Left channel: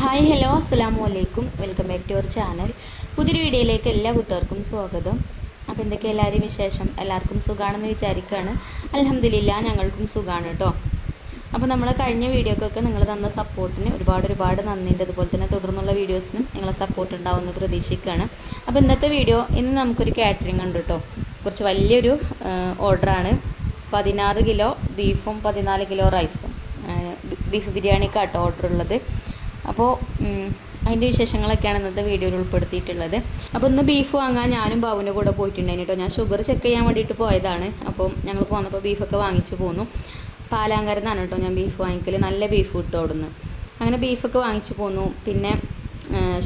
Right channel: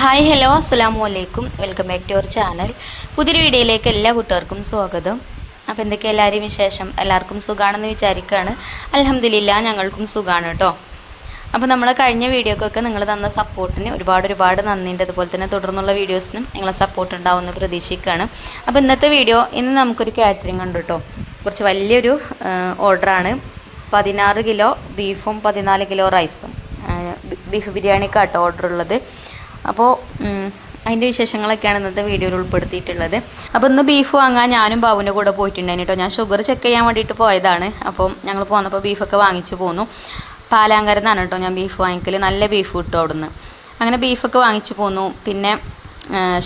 Hi hello അസ്സലാമു അലൈക്കും. Welcome back to our channel. പുതിയൊരു വീഡിയോയിലേക്ക് എല്ലാ കൂട്ടുകാർക്കും സ്വാഗതം. അപ്പോൾ എന്തൊക്കെ എല്ലാവരെയും വിശേഷം? എല്ലാവർക്കും സുഖമാണെന്ന് വിചാരിക്കുകയാണ്. അൽഹംദുലില്ലാ ഞങ്ങൾക്കും സുഖമാണ് കേട്ടോ. അപ്പോൾ നമ്മൾ കഴിഞ്ഞ വീഡിയോക്കൊക്കെ നിങ്ങൾ തന്ന സപ്പോർട്ടിന് ഒരുപാട് നന്ദിയുണ്ട്. അതുപോലെ തന്നെ തുടർന്നുള്ള വീഡിയോസിനും നിങ്ങളെ സപ്പോർട്ട് ഉണ്ടാവുമെന്ന് പ്രതീക്ഷിക്കുകയാണ്. അപ്പോൾ ഇന്ന് നമുക്കൊരു കാറ്ററിംഗ് ഉണ്ട് കേട്ടോ. കുറച്ച് വലിയൊരു ഓർഡറാണ്. 16 കിലോ ബീഫും 14 കിലോ റൈസും. ബീഫ് ബിരിയാണിക്കാട്ടോ ഓർഡർ ഉള്ളത്. അപ്പോൾ അതിൻ്റെ വിശേഷങ്ങളൊക്കെയാണ് ഇന്നത്തെ വീഡിയോയിൽ ഉൾപ്പെടുത്തിയിട്ടുള്ളത്. അപ്പോൾ ഇന്ന് ബീഫ് വാങ്ങാൻ ഞാനും ബാബുവിൻ്റെ കൂടെ പോയിട്ടുണ്ടായിരുന്നു കേട്ടോ. ഞാൻ ഷുഗർ ചെക്ക് ചെയ്യാൻ വേണ്ടിയിട്ട് പോയതാണ്. അപ്പോൾ ഞങ്ങൾ പോന്നപ്പോൾ ബീഫൊക്കെ വാങ്ങിച്ചു പോന്നു. പാലാങ്കരന്നാണ് കേട്ടോ ഞാൻ ബീഫ് വാങ്ങിക്കൽ. നല്ല ബീഫ് കിട്ടും അവിടുന്ന്. അങ്ങനെ ബീഫൊക്കെ വാങ്ങിച്ചു പോന്നു. പിന്നെ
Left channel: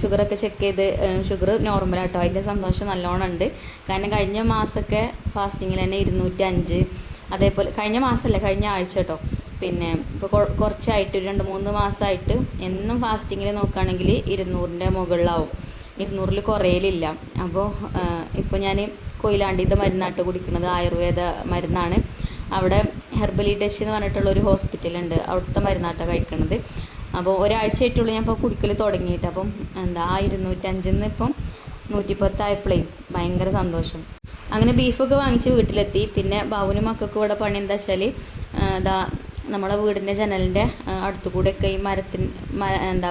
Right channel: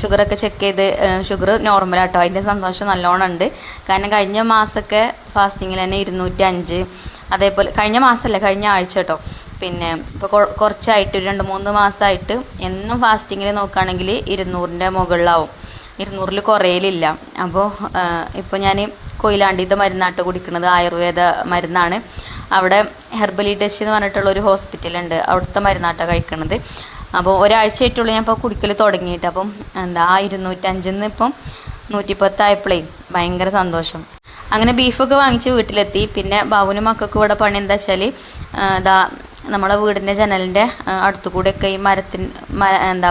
ഷുഗറൊക്കെ ചെക്ക് ചെയ്ത് ഷുഗർ നോർമലാട്ടോ. അതിൻ്റെ സന്തോഷം നല്ലോണം ഉണ്ട്. കാരണം കഴിഞ്ഞ മാസമൊക്കെ ഫാസ്റ്റിങ്ങിൽ തന്നെ 205, അതേപോലെ കഴിഞ്ഞ മാസമല്ല കഴിഞ്ഞ ആഴ്ച കേട്ടോ. പിന്നെ ഇപ്പോൾ കുറച്ചായിട്ട് 2-3 മാസമായിട്ട് എന്നും ഫാസ്റ്റിങ്ങിൽ നോക്കുകയാണെങ്കിൽ 200ൻ്റെ മുകളിലാവും. 200ൽ കുറയലില്ല. അപ്പോൾ ഇപ്പോൾ ഞാൻ കൊയിലാണ്ടിത്തെ മരുന്നാട്ട് കുടിക്കുന്നത് ആയുർവേദ മരുന്നാണ്. അവിടെ ഹെർബലി ടച്ച് എന്ന് പറഞ്ഞിട്ടുള്ളൊരു ഹോസ്പിറ്റലുണ്ട്. അവിടുത്തെ മരുന്നാട്ടാണ് കഴിക്കുന്നത്. അപ്പോൾ ഒരാഴ്ചയായിട്ടുള്ളൂ ഞാൻ ഇപ്പോൾ കുടിക്കൽ തുടങ്ങിയിട്ട്. അപ്പം 205 ഇപ്പം 110 ആയപ്പോഴേ ഭയങ്കര സന്തോഷം. അങ്ങനെ ബീഫൊക്കെ വാങ്ങിച്ച് വീട്ടിലെത്തി. പിന്നെ ബാബുവിനും മക്കൾക്കും ഇവിടെ പണി എന്താ വെച്ചാൽ നമ്മളെ വീടിൻ്റെ ജനലിൻ്റെ അടുത്തു കൂടെയൊക്കെ ഈ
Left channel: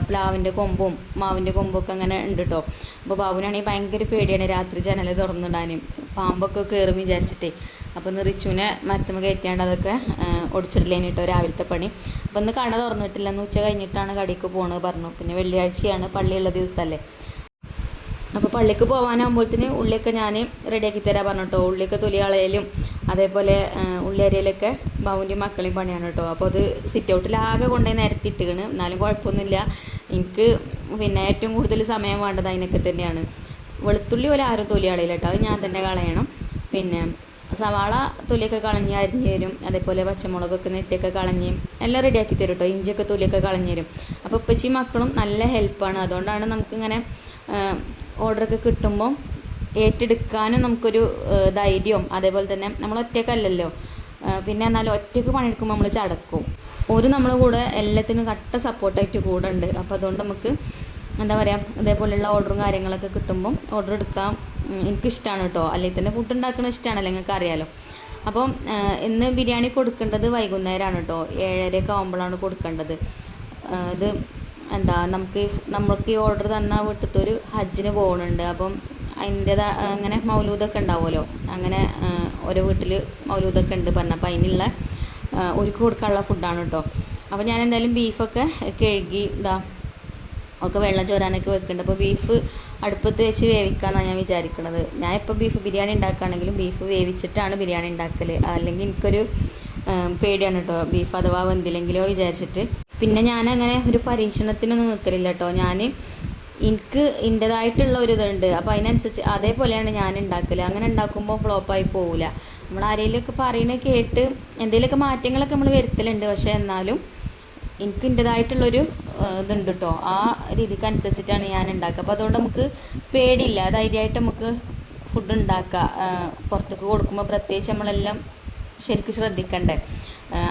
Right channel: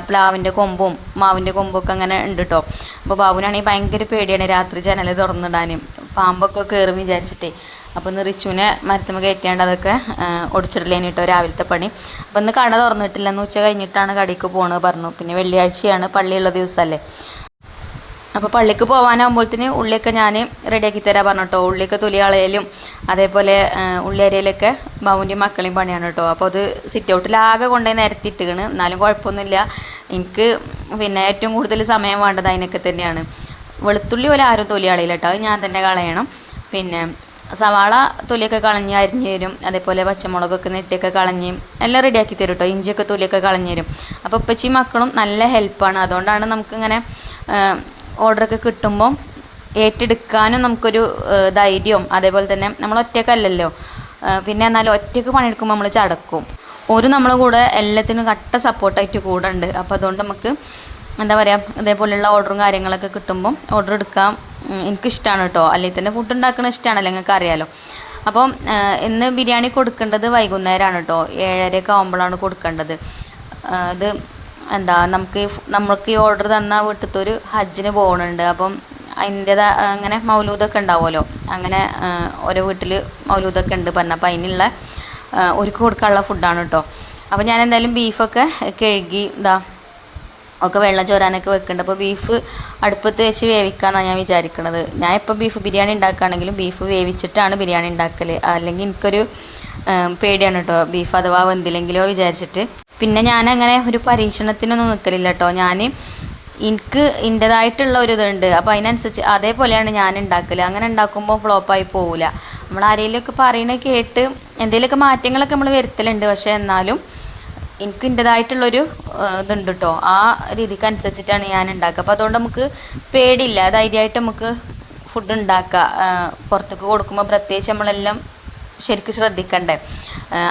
പ്ലാവിൻ്റെ കൊമ്പും മാവിൻ്റെ കൊമ്പൊക്കെ അങ്ങനെ ഉണ്ട് കേട്ടോ. അപ്പോൾ ബാബുവിനാണെങ്കിൽ ഭയങ്കര പേടിയാണ് രാത്രി ജനൽ തുറന്നിടാനും, പാമ്പൊക്കെ കയറും വിചാരിച്ചിട്ടേ. അപ്പോൾ ഇന്ന് റിച്ചുവിനെ മരത്തുമ്മ കയറ്റിയാണ്ട് അതൊക്കെ ഒടിച്ചിടലേന് കേട്ടോ രാവിലത്തെ പണി. അപ്പോൾ ഇന്ന് കട തുറന്നിട്ടില്ല. ഇന്ന് ഉച്ച കഴിഞ്ഞിട്ടാണ് കടയ്ക്ക് പോകണമെന്ന് പറഞ്ഞു. പിന്നെ വെള്ളിയാഴ്ചയാണ്, പള്ളിയുള്ള ദിവസമല്ലേ. അപ്പോൾ പള്ളിക്ക് പോകാനാകുമ്പോഴത്തേന് ഉള്ളിയൊക്കെ ഞാൻ റെഡിയാക്കി തരാൻ പറഞ്ഞു കേട്ടോ. ഉള്ളിയൊക്കെ തൊലി കളയലും അതേപോലെ ഉള്ളി അരിയലൊക്കെ ബാബുവിൻ്റെയും മക്കളെയും പണിയാണ് കേട്ടോ. അപ്പോൾ അത് സിറ്റ് ഔട്ടിലാകെ കൊണ്ടുപോയി നിരത്തിയിട്ടിക്കണ്. എന്നാലും കുഴപ്പമൊന്നുമില്ല. എനിക്ക് പിന്നെ ഏറ്റവും കൂടുതൽ സമയം വേണ്ടത് അതിനൊക്കെ തന്നെയാണ്. വെളുത്തുള്ളി പോലെ ആരും തൊലി കളയില്ല കേട്ടോ. അത് ഞാൻ തന്നെ കളയണം. പിന്നെ സവാള തൊലിയൊക്കെ കളഞ്ഞ് അരിഞ്ഞ് തരും. അതേപോലെ പച്ചമുളകൊക്കെ നെറ്റിയൊക്കെ കളഞ്ഞ് എല്ലാം റെഡിയാക്കി തരും കേട്ടോ. ഇഞ്ചിയൊക്കെ തൊലിയൊക്കെ കളഞ്ഞ് തരും. അപ്പോൾ ഉപ്പച്ചി മക്കളും നല്ല ഹെൽപ്പാണ്. അതുകൊണ്ടാണ് നമുക്കിങ്ങനെ ഓർഡറൊക്കെ കിട്ടുമ്പോൾ ഏറ്റെടുക്കാനും നമുക്കൊരു ധൈര്യവും. അതേപോലെ തന്നെ നമ്മൾ ഒറ്റക്കല്ലല്ലോ. പിന്നെ എന്നാലും ഒറ്റയ്ക്ക് പണിയെടുക്കുമ്പോൾ നമ്മൾ ചടക്കും. ഒരു നമ്മളെ കൂടെ എല്ലാത്തിനും കട്ട സപ്പോർട്ടായിട്ട് കൂടെ ഉണ്ട്. അപ്പോൾ അതുകൊണ്ട് നമുക്ക് എന്താ പറയുക, ഇതേപോലെയുള്ള ഓർഡറും കാര്യങ്ങളൊക്കെ കിട്ടുമ്പം ഓർഡർ എടുക്കാൻ എനിക്കിഷ്ടമാണ് കേട്ടോ. അല്ലെങ്കിൽ തന്നെ ഫുഡ് ഉണ്ടാക്കണ ഇഷ്ടമാണല്ലോ, നിങ്ങൾക്ക് അറിയാമല്ലോ. അപ്പം ഇന്ന് ബിരിയാണി കൊടുക്കേണ്ടത് വൈകുന്നേരമാണ് കേട്ടോ. 7:30 ആകുമ്പോഴാണ് കൊടുക്കേണ്ടത്. ഇത് നമ്മൾക്ക് ഈ ഓർഡർ തന്ന വീട്ടിലത്തെ ഹജ്ജിന് പോകുന്നുണ്ട്. അപ്പം അതിൻ്റെതാ അങ്ങനെ മൗലൂദൊക്കെ ഉണ്ടാവുമല്ലോ. അങ്ങനെ ഓരോ വീട്ടിൽ മൗലൂദൊക്കെ ഉണ്ട് പറഞ്ഞ. അപ്പം അതിനുള്ള ഒരുക്ക് കൊടുക്കാനുള്ള ഫുഡാണ് കേട്ടോ. അപ്പോൾ ഞാൻ എന്തായാലും ബീഫൊക്കെ കഴുകി ഒക്കെ വെള്ളം ചോരാനൊക്കെ വെക്കുന്നുണ്ട്. അപ്പോൾ ബീഫ് അടുപ്പത്ത് വെച്ച് വേവിക്കാമെന്നാണ് ഞാൻ വിചാരിക്കുന്നത്. ഞാൻ ഇപ്പോൾ ബീഫ് ബിരിയാണി ഉണ്ടാക്കുകയാണെങ്കിലും ബീഫ് വേവിച്ചിട്ടാണ് ബിരിയാണി ഉണ്ടാക്കൽ. അല്ലെങ്കിൽ എനിക്കൊരു പേടിയാണ് കേട്ടോ, ബീഫ് അഥവാ വെന്തില്ലെങ്കിലോ വിചാരിച്ചിട്ട്. പിന്നെ ഞാനങ്ങനെ ഒരു പരീക്ഷണത്തിനൊന്നും നിൽക്കലില്ല കേട്ടോ. എനിക്ക് എൻ്റേതായിട്ടുള്ള ഒരു ഇതുണ്ട്. അപ്പോൾ അതിനനുസരിച്ച് അതേപോലെയാണ് ഞാൻ ഉണ്ടാക്കൽ. അങ്ങനെ ഉണ്ടാക്കുമ്പോൾ ഫ്ലോപ്പായി പോവില്ല. നമ്മൾ ആരെങ്കിലുമൊക്കെ പറയുന്നത് കേട്ട് എന്തെങ്കിലുമൊക്കെ മാറ്റങ്ങളൊക്കെ നമ്മൾ വരുത്തലുണ്ട്. പക്ഷേ എന്നാലും എനിക്ക് എൻ്റേതായിട്ടുള്ളൊരു ഇതുണ്ട് കേട്ടോ. ആ രീതിക്ക് അനുസരിച്ചിട്ടാണ് ഞാൻ ഉണ്ടാക്കുക. അപ്പോൾ അതുകൊണ്ട് നമുക്ക് പേടിയില്ല. ധൈര്യമായിട്ട് നമുക്ക് ഫുഡ് ഉണ്ടാക്കുക. പുറത്തേക്ക് കൊടുക്കുമ്പോൾ പ്രത്യേകിച്ച് നമ്മളെല്ലാം ശരിക്കും ശ്രദ്ധിക്കണ്ടേ.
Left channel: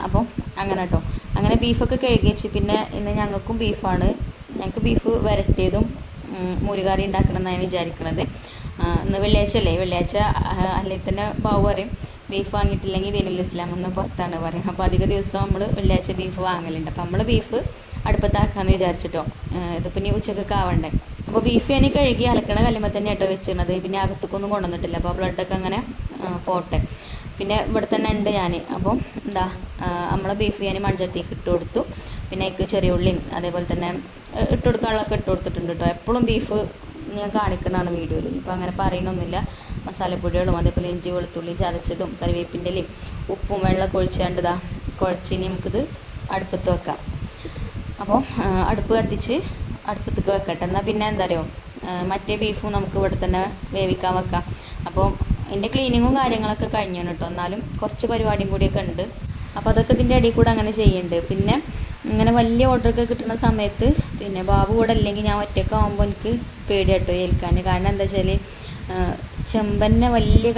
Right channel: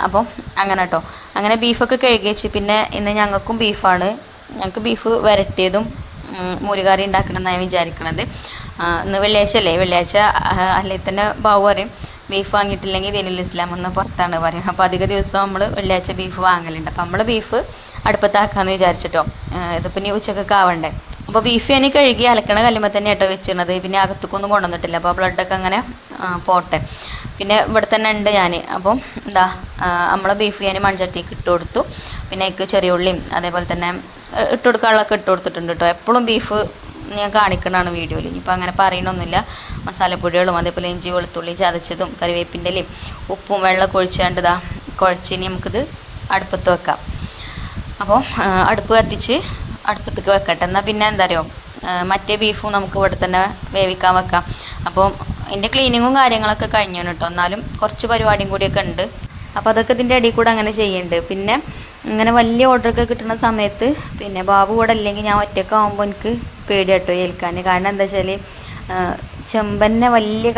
അപ്പം അങ്ങനെ കേട്ടോ. അങ്ങനെ ബീഫൊക്കെ കഴുകി വെച്ച്. പിന്നെ ഇന്ന് ഞങ്ങൾക്കും ബീഫാണ്. ഞങ്ങൾക്ക് ബീഫ് വരട്ടിയതും മോരുകറി ഉണ്ടാക്കണമെന്നാണ് ഞാൻ വിചാരിക്കണത്. ഇന്ന് വെള്ളിയാഴ്ച അല്ലേ. വെള്ളിയാഴ്ച അല്ലെങ്കിൽ തന്നെ ബാബു പറയും ബീഫ് വാങ്ങിയിട്ടില്ലെങ്കിൽ ദീനുൽ ഇസ്ലാം എന്ന് പുറത്താണ് പറയും. അപ്പോൾ അധിക ദിവസം നമ്മൾ വെള്ളിയാഴ്ച ബീഫ് വാങ്ങലുണ്ട്. അപ്പോൾ നമ്മൾ ബീഫ് അടുപ്പത്താക്കാമെന്ന് വിചാരിച്ചിട്ടോ. ഇതിപ്പോൾ ഇനി ഉച്ചക്കൊക്കെ ആവണ്ടേ. അപ്പോൾ ബീഫ് ഞാൻ കഴുകി അലക്കണ കല്ലുമ്പോൾ തന്നെ കേട്ടോ വെച്ചിരുന്നത്. പിന്നെ അകത്തേക്കൊന്നും കൊണ്ടുവന്നിട്ടില്ല. അപ്പോൾ ബ്ലഡൊക്കെ അങ്ങനെ പോട്ടെ. പിന്നെ ഇവിടെ തന്നെ ഉണ്ട് ഞാൻ. അപ്പം നമ്മളെ ബീഫ് ഞാൻ മൺചട്ടിക്ക് ഇട്ട് കൊടുത്തു. പിന്നെ എനിക്ക് ചെറിയ ഉള്ളിയും അതേപോലെ തന്നെ ഇട്ട് കൊടുക്കാനുള്ളതൊക്കെ ഇട്ട് കൊടുത്തിട്ടുണ്ട് കേട്ടോ. എപ്പോഴും ബീഫ് ഞാൻ കാണിക്കുന്നതാണ് വീഡിയോയിൽ. ഇനിയിപ്പോൾ അങ്ങനെ പറയണമൊന്നുമില്ല. മസാലപ്പൊടികളും അതേപോലെ ഇഞ്ചി വെളുത്തുള്ളി ചതച്ചതും കറിവേപ്പിൻ്റെ ഇലയും ഉപ്പും വെള്ളം ഒഴിച്ചേണ്ടതാ കുഴച്ചിനി നമുക്കിത് അടുപ്പത്ത് വെക്കാം. അപ്പോൾ അടുപ്പ് കത്തിച്ച് അടുപ്പത്തേക്ക് വെക്കട്ടെ. എന്നാൽ പിന്നെ എന്താ പറയുക, മറ്റേ ബീഫും നമുക്ക് ഇവിടെ തന്നെ വേവിക്കാൻ വെക്കാം. അപ്പോൾ എൻ്റെ ക്ലീനിങ്ങും കാര്യങ്ങളൊക്കെ കഴിഞ്ഞാണ് കേട്ടോ. എന്നാലും കുറച്ച് പരിപാടിയും കൂടിയൊക്കെ ഉണ്ട്. അപ്പോൾ അതൊക്കെ ഇതിൻ്റെ ഇടയിൽ കൂടെ അങ്ങനെ ചെയ്യുന്നുണ്ട്. പിന്നെ ഇങ്ങനെ വലിയ ഓർഡറൊക്കെ കിട്ടുന്ന സമയത്ത് പിന്നെ ബാബു കൂടെ അല്ലെങ്കിൽ ഞാൻ ഒറ്റയ്ക്ക് ആകുമ്പോൾ എനിക്ക് പേടിയാട്ടോ ഏൽക്കാൻ. കാരണം എന്താ വെച്ചാൽ ചെമ്പന്നെ വലിയ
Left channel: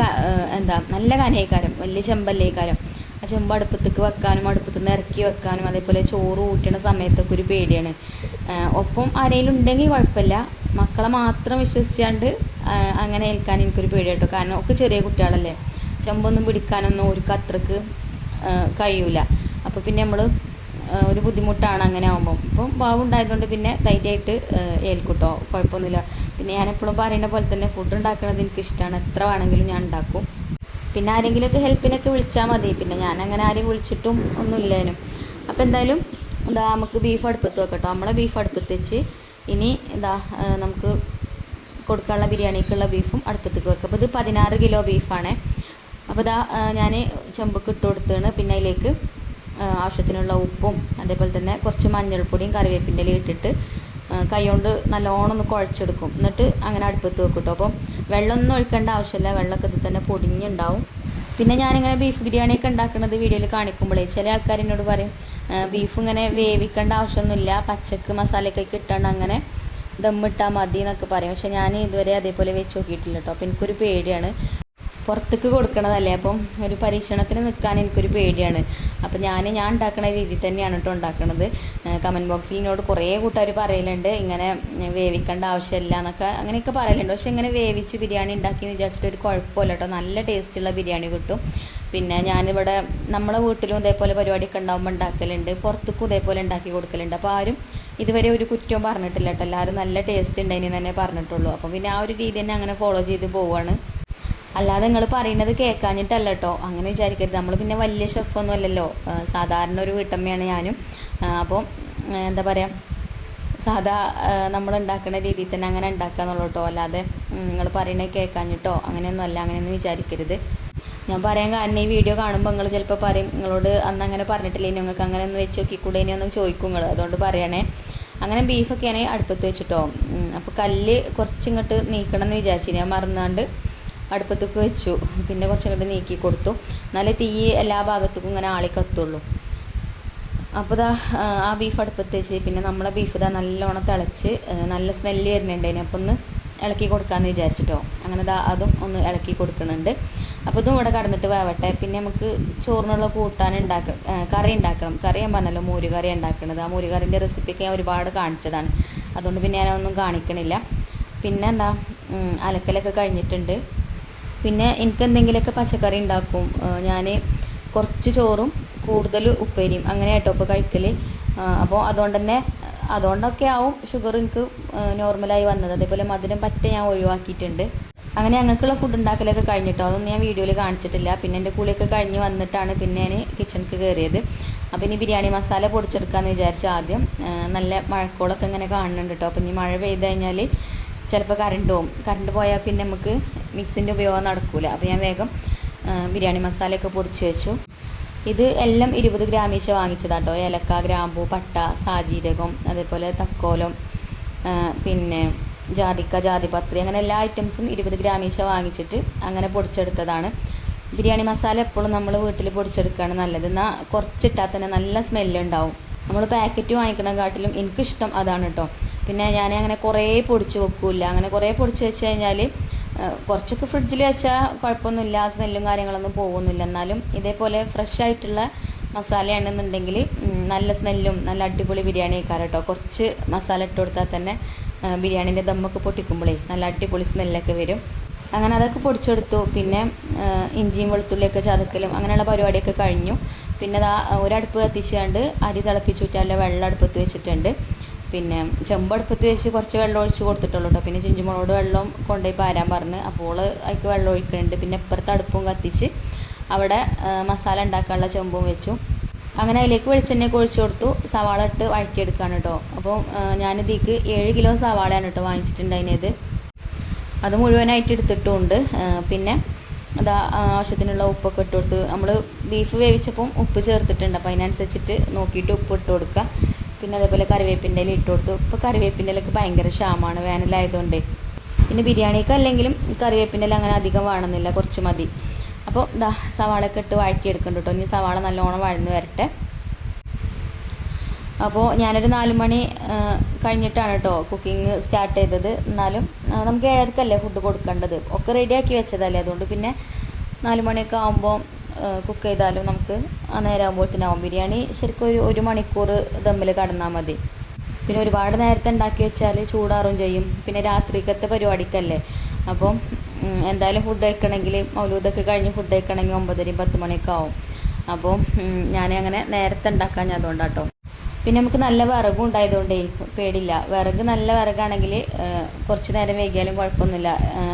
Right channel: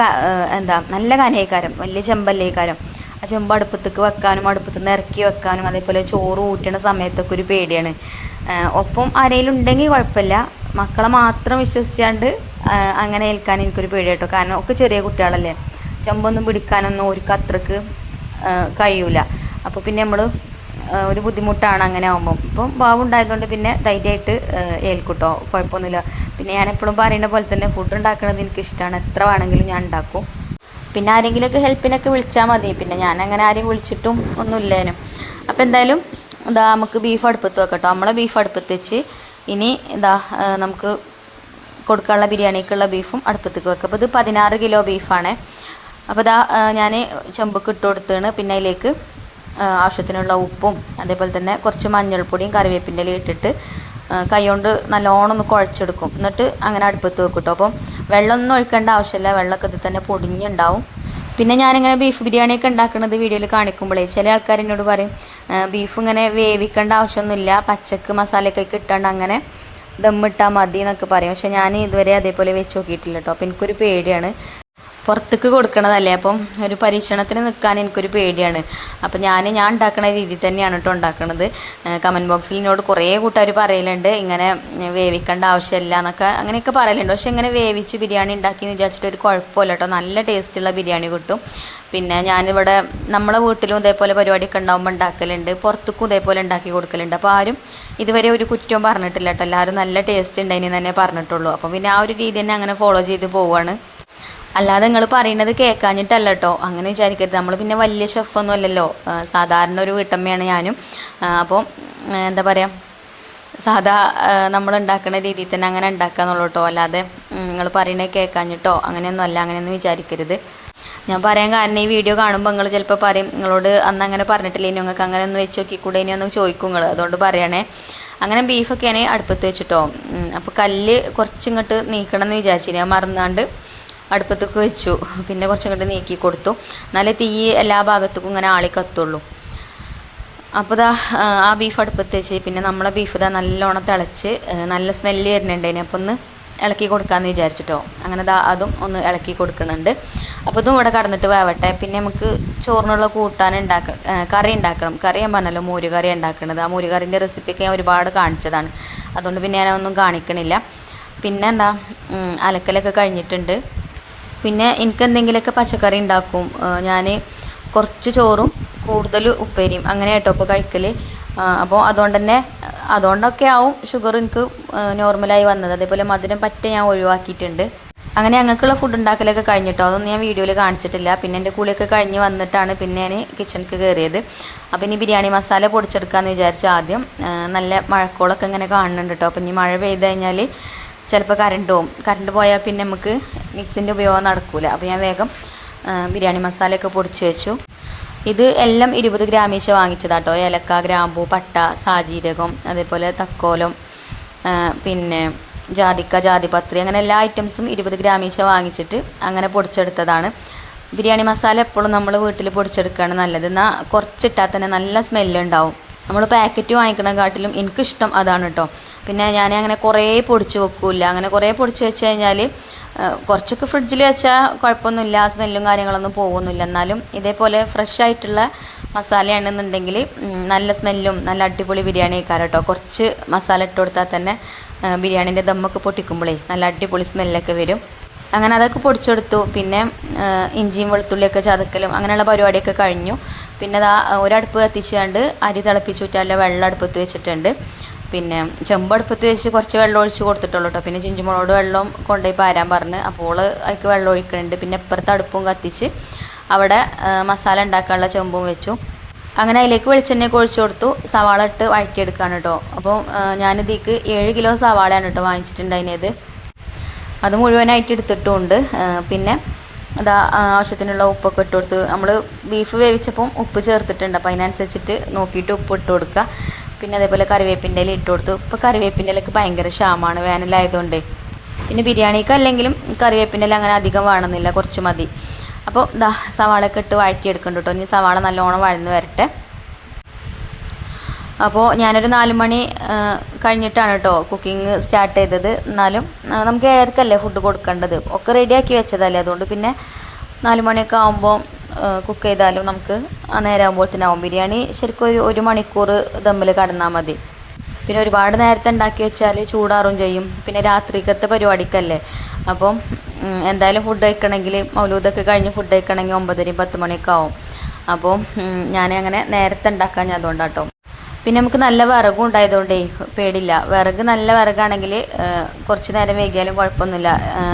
നല്ല കനയേക്കാരം, വലിയ ചെമ്പല്ലേക്കാരം. ആ ചെമ്പ് അടുപ്പത്തേക്ക് വെക്കാനും അടുപ്പത്ത് നിന്ന് ഇറക്കി വെക്കാനും അതേപോലെ ചോറ് ഊറ്റണ സമയത്തൊക്കെ ഒരു പേടിയാണ്. ഒപ്പം ആരെങ്കിലും ഉണ്ടെങ്കിൽ കുഴപ്പമില്ല, മക്കളെ മാത്രം വിശ്വസിച്ചാണ്ട് അങ്ങനെ ഏൽക്കാൻ എനിക്കൊരു പേടി കേട്ടോ. കാരണം ഒക്കെ ചെറിയ കുട്ടികളല്ലേ, ചെമ്പൊന്നും പിടിക്കാനൊന്നും ഒരു അത്രക്ക് കഴിയൂല. അപ്പോൾ പിന്നെ നമ്മൾ ഒരു ബുദ്ധിമുട്ടാണ് അങ്ങനെ ആകുമ്പം. ഇപ്പം ബാവുണ്ടായതുകൊണ്ട് പിന്നെ ധൈര്യമായിട്ട് ഏൽക്കൂട്ടോ, കുഴപ്പമൊന്നുമില്ല. പിന്നെ ഞാൻ എപ്പോഴും പറയുന്ന പോലെ തന്നെ ഫുഡ് ഉണ്ടാക്കുന്നത് എനിക്കിഷ്ടമാണ്, എത്ര വേണമെങ്കിലും ഞാൻ ഉണ്ടാക്കും. പിന്നെ ആരെങ്കിലുമൊക്കെ ഹെൽപ്പിനൊക്കെ വിളിച്ചാൽ മതി, പിന്നെ ഞാൻ അങ്ങനെ ആരെയും വിളിച്ചിട്ടും ഒന്നുമില്ലേനും. അപ്പോൾ എന്തായാലും ഇതാ നമുക്ക് ബീഫ് അടുപ്പത്ത് വെക്കട്ടോ. നമ്മളെ ബീഫ് അടുപ്പത്ത് വെച്ച് ഇനി ഇതാ നമുക്ക് കൊടുക്കാനുള്ള ബിരിയാണിക്കുള്ള ബീഫും അടുപ്പത്തേക്ക് വെക്കാം. അപ്പോൾ ഇത് 16 കിലോ ബീഫാണ്. അപ്പോൾ ഇതാ ഞാൻ ചെമ്പൊക്കെ ഇട്ട് കൊടുത്താണ്. പിന്നെ അതിലേക്ക് ആവശ്യത്തിനുള്ള ഉപ്പും അതേപോലെ തന്നെ കുറച്ച് മഞ്ഞൾപ്പൊടിയും കറിവേപ്പിൻ്റെ ഇലയും ഇട്ടിട്ട് കൈകൊണ്ട് നല്ലോണം ഒന്ന് കുഴച്ചെടുക്കും. എന്നിട്ട് അങ്ങനെ അടുപ്പത്ത് വെക്കും കേട്ടോ. അപ്പം വെള്ളമൊന്നും ഒഴിക്കേണ്ട ആവശ്യമില്ല, വെള്ളമൊക്കെ ഇതിൽ തന്നെ പൊടിഞ്ഞുണ്ടാവും. പിന്നെ ഞാനിങ്ങനെ ബീഫ് ബിരിയാണിയൊക്കെ ഉണ്ടാക്കുന്നത് വീഡിയോയിൽ കാണിക്കുമ്പോഴേ ചില ആൾക്കാർ എന്നോട് പറയും ബീഫ് ഇങ്ങനെ വേവിക്കേണ്ട ആവശ്യമൊന്നുമില്ല, പച്ചക്ക് മസാലയൊക്കെ ഇട്ടാണ്ട് അങ്ങനെ ദമ്മിട്ടാൽ മതി എന്നൊക്കെ പറയും. പക്ഷെ ഞാൻ ഇതുവരെ അതേപോലെ വെച്ച് നോക്കിയിട്ടില്ല കേട്ടോ. അപ്പോൾ എനിക്കൊരു പേടിയാണ്, പുറത്തേക്ക് കൊടുക്കണതല്ലേ, അപ്പം ഒരു പരീക്ഷണത്തിന് നിൽക്കാൻ എനിക്കൊരു പേടിയാണ്. അപ്പം ഞാൻ ഉണ്ടാക്കുന്ന രീതിയിൽ തന്നെയാണ് കേട്ടോ ഉണ്ടാക്കുന്നത്. കമൻറ്റ് ബോക്സിൽ എന്നോട് കുറേ കൂട്ടുകാർ പറയലുണ്ട് ഇങ്ങനെ വേവിക്കേണ്ട ആവശ്യമില്ല എന്നൊക്കെ, അങ്ങനെയൊക്കെ പറയലുണ്ട്. പക്ഷെ ഇങ്ങനെ വേവിച്ച് ബിരിയാണി ഉണ്ടാക്കിയെന്ന് വിചാരിച്ചിട്ട് ഒരു കുഴപ്പമില്ല കേട്ടോ, നല്ല ടേസ്റ്റുള്ള ബിരിയാണി കിട്ടും. പിന്നെ ഞാനിവിടെ നമ്മളെ വീട്ടിലും ഇതേപോലെ പരിപാടിയൊക്കെ ഉണ്ടാകുമ്പോൾ ഉണ്ടാക്കലുണ്ട്, പുറത്തേക്കും ഇതേപോലെ ഉണ്ടാക്കി കൊടുക്കലുണ്ട്. അപ്പോൾ ആരും ഇതുവരെ ഒരു കുറ്റവും പറഞ്ഞിട്ടില്ല കേട്ടോ, എല്ലാവരും നല്ല ടേസ്റ്റ് ഉണ്ടായിന് തന്നെ പറഞ്ഞിട്ടുള്ളൂ. അപ്പം പിന്നെ ആ ഒരു രീതി തന്നെ അങ്ങനെ ഫോളോ ചെയ്ത് പോവുകയാണ്. അല്ലാതെ നിങ്ങൾ പറയുന്നത് കേൾക്കാഞ്ഞിട്ടല്ല കേട്ടോ, അങ്ങനെ വിചാരിക്കരുത്. നമ്മൾ പിന്നെ വലിയ ഷെഫൊന്നും അല്ലല്ലോ, സാധാരണ ഒരു വീട്ടമ്മയാണ് ഞാനും. അപ്പോൾ എന്താ പറയുക, സാധാ നമ്മൾ ഉണ്ടാക്കുന്ന രീതിയിൽ തന്നെ അങ്ങനെ ഉണ്ടാക്കാന്നുള്ളൂ കേട്ടോ. അല്ലാതെ നിങ്ങൾ പറയുന്നത് കേൾക്കാഞ്ഞിട്ടോ അങ്ങനെയൊന്നും അല്ല, അങ്ങനെയൊന്നും വിചാരിക്കരുത്. ഞാൻ പറയാൻ കാരണം ഈ വീഡിയോ കാണുമ്പോൾ നിങ്ങൾ ചിലപ്പോൾ പറയും നിങ്ങളോട് അന്ന് അങ്ങനെ പറഞ്ഞിട്ടില്ല, ഇനി നിങ്ങൾക്ക് അങ്ങനെ ഒന്ന് വെച്ച് നോക്കിക്കൂടെ ഇനി ഒന്ന് ചോദിക്കും നിങ്ങൾ, അതുകൊണ്ട് പറയണേ. അങ്ങനെ ബീഫൊക്കെയാണ് അടുപ്പത്ത് വെച്ചിട്ടോ. അപ്പോൾ കല്ല് കുറച്ചിങ്ങോട്ട് നീക്കണം എന്ന് വിചാരിച്ചു, ഞാൻ മറന്നാണ്ട് അടുപ്പത്തേക്ക് വെച്ചു. പിന്നെ കുറച്ചിങ്ങോട്ട് നീക്കി കൊടുത്തു, എന്നാലേ തീ എല്ലാ ഭാഗത്തേക്കും ഇങ്ങനെ ആളി കത്തുള്ളൂ. അപ്പോൾ ഇതാ ആ ബീഫ് അടുപ്പത്ത് വെച്ച് പിന്നെ നമ്മളെ ബീഫ് ഇതാ നല്ലോണം തിളച്ച് നല്ല സ്മെല്ല് വരുന്നുണ്ടേനെ. അപ്പോൾ ഒന്ന് ഇളക്കി കൊടുക്കാമെന്ന് വിചാരിച്ചിട്ടോ. അങ്ങനെ അതും ഒന്ന് ഇളക്കി കൊടുക്കുന്നുണ്ട്. അപ്പോൾ ഇതും ഇവിടെ കടന്നിട്ട് വേവട്ടെ. പിന്നെ നമുക്ക് ചോറിനുള്ള കൂട്ടാൻ കറി ഉണ്ടാക്കണം. കറി ഞാൻ പറഞ്ഞല്ലോ മോരുകറി ഉണ്ടാക്കുന്നത്. ആ മോരുകറിൻ്റെ റെസിപ്പിയൊക്കെ ഞാൻ ഒരുപാട് കാണിച്ചതാണ്, അതുകൊണ്ട് പിന്നെ ഞാനൊന്നും കാണിക്കണില്ല. പിന്നെ എന്താ അലക്കലൊക്കെ കഴിഞ്ഞിട്ടുണ്ട്. പിന്നെ എനിക്ക് എന്തെങ്കിലുമൊക്കെ പച്ചക്കറി ഉണ്ടാക്കും ഞാൻ, കുറച്ച് ചോറും കൂടുതൽ ഉപ്പേരിയും അങ്ങനെ കേട്ടോ ഇപ്പോൾ കഴിക്കൽ. അപ്പോൾ അതുകൊണ്ടൊക്കെ ആവും ഷുഗർ എനിക്ക് നോർമലായി വന്നത്. അതേപോലെ മധുരം പറ്റ ഞാൻ ഒഴിവാക്കിയിട്ടുണ്ട്. അങ്ങനെ ഞങ്ങൾക്കുള്ള ഫുഡ് ഉണ്ടാക്കലൊക്കെ കഴിഞ്ഞിട്ടോ, അതൊന്നും ഞാൻ വീഡിയോയിൽ കാണിച്ചിട്ടില്ല. പിന്നെ എൻ്റെ കൂളിയൊക്കെ കഴിഞ്ഞ് വന്നിട്ടാണ് പിന്നെ ഞാൻ കിച്ചണിക്ക് കയറിയത്. അപ്പോൾ ഇനി ബിരിയാണി മസാല പൊടിച്ചെടുക്കാമെന്ന് വിചാരിച്ചു. ആദ്യം നല്ല മഴക്കോളൊക്കെ ഇങ്ങനെ കാണുന്നുണ്ട് കേട്ടോ. അപ്പോൾ ഇനി മഴ പെയ്ത് കഴിഞ്ഞാൽ ചിലപ്പോൾ കറണ്ട് പോയാൽ പിന്നെ നമുക്ക് മിക്സിൻ്റെ ഉപയോഗം നടക്കില്ല. അപ്പോൾ ഞാൻ വേഗം ബിരിയാണി മസാലയൊക്കെ പൊടിച്ച് വെച്ചു. ഇത് എല്ലാം 20 ഗ്രാം വീതം വാങ്ങിച്ചതാട്ടോ. ഏലക്ക, ഗ്രാമ്പൂ, പട്ട, സാജീരകം, അതേപോലെ തക്കോലം, പിന്നെ ജാതിക്ക, ജാതിപത്രി, അങ്ങനെ എല്ലാ ഐറ്റംസും 20 ഗ്രാം വീതം വാങ്ങിച്ചിട്ട് അങ്ങനെ പൊടിച്ചെടുത്തതാണ്. ബിരിയാണി മസാല എപ്പോഴും നമ്മൾ വീട്ടിൽ പൊടിച്ചെടുക്കുകയാണ് നല്ലത്. എന്നാൽ കുറച്ചിട്ടാൽ തന്നെ നല്ല സ്മെല്ലുണ്ടാവും. നമ്മൾ പാക്കറ്റ് വാങ്ങിക്കണേക്കാട്ടിലും എനിക്കിഷ്ടം അതാണ് കേട്ടോ. പിന്നെ ഞാൻ അങ്ങനെ കുറേ പൊടിച്ച് വെക്കില്ല. അങ്ങനെ കുറേ പൊടിച്ച് വെച്ച് കഴിഞ്ഞാൽ കുറച്ചൊക്കെ ഫ്രിഡ്ജിൽ വെച്ചാൽ കുഴപ്പമൊന്നുമില്ല, സ്മെല്ലും കാര്യങ്ങളൊന്നും പോകുന്നില്ല. എന്നാലും ഇതേപോലെ ഫ്രഷ് ആയിട്ടുള്ള മസാലയാണെന്നുണ്ടെങ്കിൽ നല്ല സ്മെല്ലും നല്ല അടിപൊളി ബിരിയാണി ആയിക്കാരം കേട്ടോ. കുറച്ച് മസാല ഇട്ട് കൊടുത്താൽ തന്നെ ബിരിയാണീൻ്റെ ദമ്മൊക്കെ പൊട്ടിക്കുമ്പോഴേ നല്ല അടിപൊളി സ്മെല്ലൊക്കെ വരും. അങ്ങനെ അതൊക്കെ പൊടിച്ചെടുത്തു. പിന്നെ ഇഞ്ചിയും വെളുത്തുള്ളിയൊക്കെ ചതക്കലും അങ്ങനെയുള്ള പരിപാടിയൊക്കെ കഴിഞ്ഞു. പിന്നെ ഒരടുപ്പ് കത്തിച്ചുകൊണ്ട് അരി തിളപ്പിച്ചുവിറ്റാല വെള്ളം അടുപ്പത്ത് വെച്ചിട്ടുണ്ട്. പിന്നെ ചെമ്പടുപ്പത്ത് വെച്ച് കുറച്ച് വെള്ളം ഒഴിച്ച് കൊടുത്തിട്ടുള്ളൂ കേട്ടോ. പിന്നെ ചിഞ്ചുമോളോട് വെള്ളം കൊണ്ടുപോയി പാരാൻ പറഞ്ഞ്, അപ്പോൾ അതിലേക്ക് വെള്ളം ഒഴിക്കുന്നുണ്ട്. പിന്നെ ഇപ്പുറത്ത് അടുപ്പും കത്തിച്ച് അവിടെ മസാല ഉണ്ടാക്കാനുള്ള ചെമ്പും വെച്ചു. അങ്ങനെ അതിലേക്ക് വെളിച്ചെണ്ണയൊക്കെ ഒഴിച്ചു കൊടുത്തു. സവാള ഇട്ട് വഴറ്റിയെടുക്കുകയാണ് കേട്ടോ. അപ്പോൾ ഞാനിതിലേക്ക് 7 കിലോ സവാളയാണ് കേട്ടോ വാങ്ങിച്ചിട്ടുണ്ടായിരുന്നത്. അത് മുഴുവനായിട്ട് എടുത്തിട്ടുമുണ്ട്. പിന്നെ ആവശ്യത്തിനുള്ള ഉപ്പൊക്കെ ഇട്ട് കൊടുത്ത്, നമ്മൾ ബീഫ് വേവിച്ചപ്പം ഉപ്പ് ചേർത്തിട്ടുണ്ട്, അപ്പോൾ അതിനനുസരിച്ചിട്ട് നോക്കിയിട്ട് ഉപ്പ് ഇട്ട് കൊടുക്കുക. പിന്നെ അതേപോലെ കറിവേപ്പിൻ്റെ ഇല ഇട്ട് കൊടുത്തു. ഇപ്പോൾ കറിവേപ്പിൻ്റെ ഇലയ്ക്ക് ഭയങ്കര ക്ഷാമമാണ് വേനലായതുകൊണ്ട്. പിന്നെ ബിരിയാണിക്ക് അല്ലെങ്കിലും കറിവേപ്പിൻ്റെ ഇല അങ്ങനെ അധികം വേണമെന്നില്ല, കുറച്ച് മതി. അപ്പോൾ സവാളയൊക്കെ ഇട്ട് വഴറ്റിയെടുക്കുന്നുണ്ട് കേട്ടോ. ഇനി സവാള നല്ലോണം വഴന്ന് വരട്ടെ. അപ്പോൾ ഞാനൊരു 4 മണി കഴിഞ്ഞിട്ടാണ് കേട്ടോ കുക്കിംഗ് സ്റ്റാർട്ട് ചെയ്തത്. എന്നാലും നമുക്ക് 7:30 ഫുഡ് കൊടുക്കേണ്ടത്, ഒക്കെ റെഡിയാക്കി വെച്ചതല്ലേ. അതുകൊണ്ട് പിന്നെ 4 മണിയൊക്കെ ആകുമ്പോൾ കുക്ക് ചെയ്താലും നമുക്ക് ആ നേരമാകുമ്പോഴത്തേനാവും. ബിരിയാണി ശരിക്കും ഒരു മണിക്കൂർ ദമ്മിൽ കടന്നാൽ മതി. പിന്നെ ഒരുപാട് നേരത്തെ ഉണ്ടാക്കി വെച്ചാൽ ചൂടാറും ചെയ്യും. പിന്നെ രാത്രിക്കത്തെ പരിപാടിക്കല്ലേ, അപ്പം എന്തായാലും ഫുഡ് കഴിക്കണമെങ്കിൽ മൗലൂദൊക്കെ കഴിഞ്ഞ് ഫുഡ് കഴിക്കണമെങ്കിൽ 9:30 10 മണിയൊക്കെ ആവും. അപ്പോൾ ഞാൻ അങ്ങനെ നേരത്തെ ഉണ്ടാക്കാൻ ഞാൻ അതുകൊണ്ടാട്ടോ. പിന്നെ നമുക്ക് നല്ല വിറകും ഉണ്ടായതുകൊണ്ടേ പേടില്ല. വിറക് നല്ല വിറകാണെങ്കിൽ കുറച്ച് നേരം വൈകിയാലും കുഴപ്പമൊന്നുമില്ല.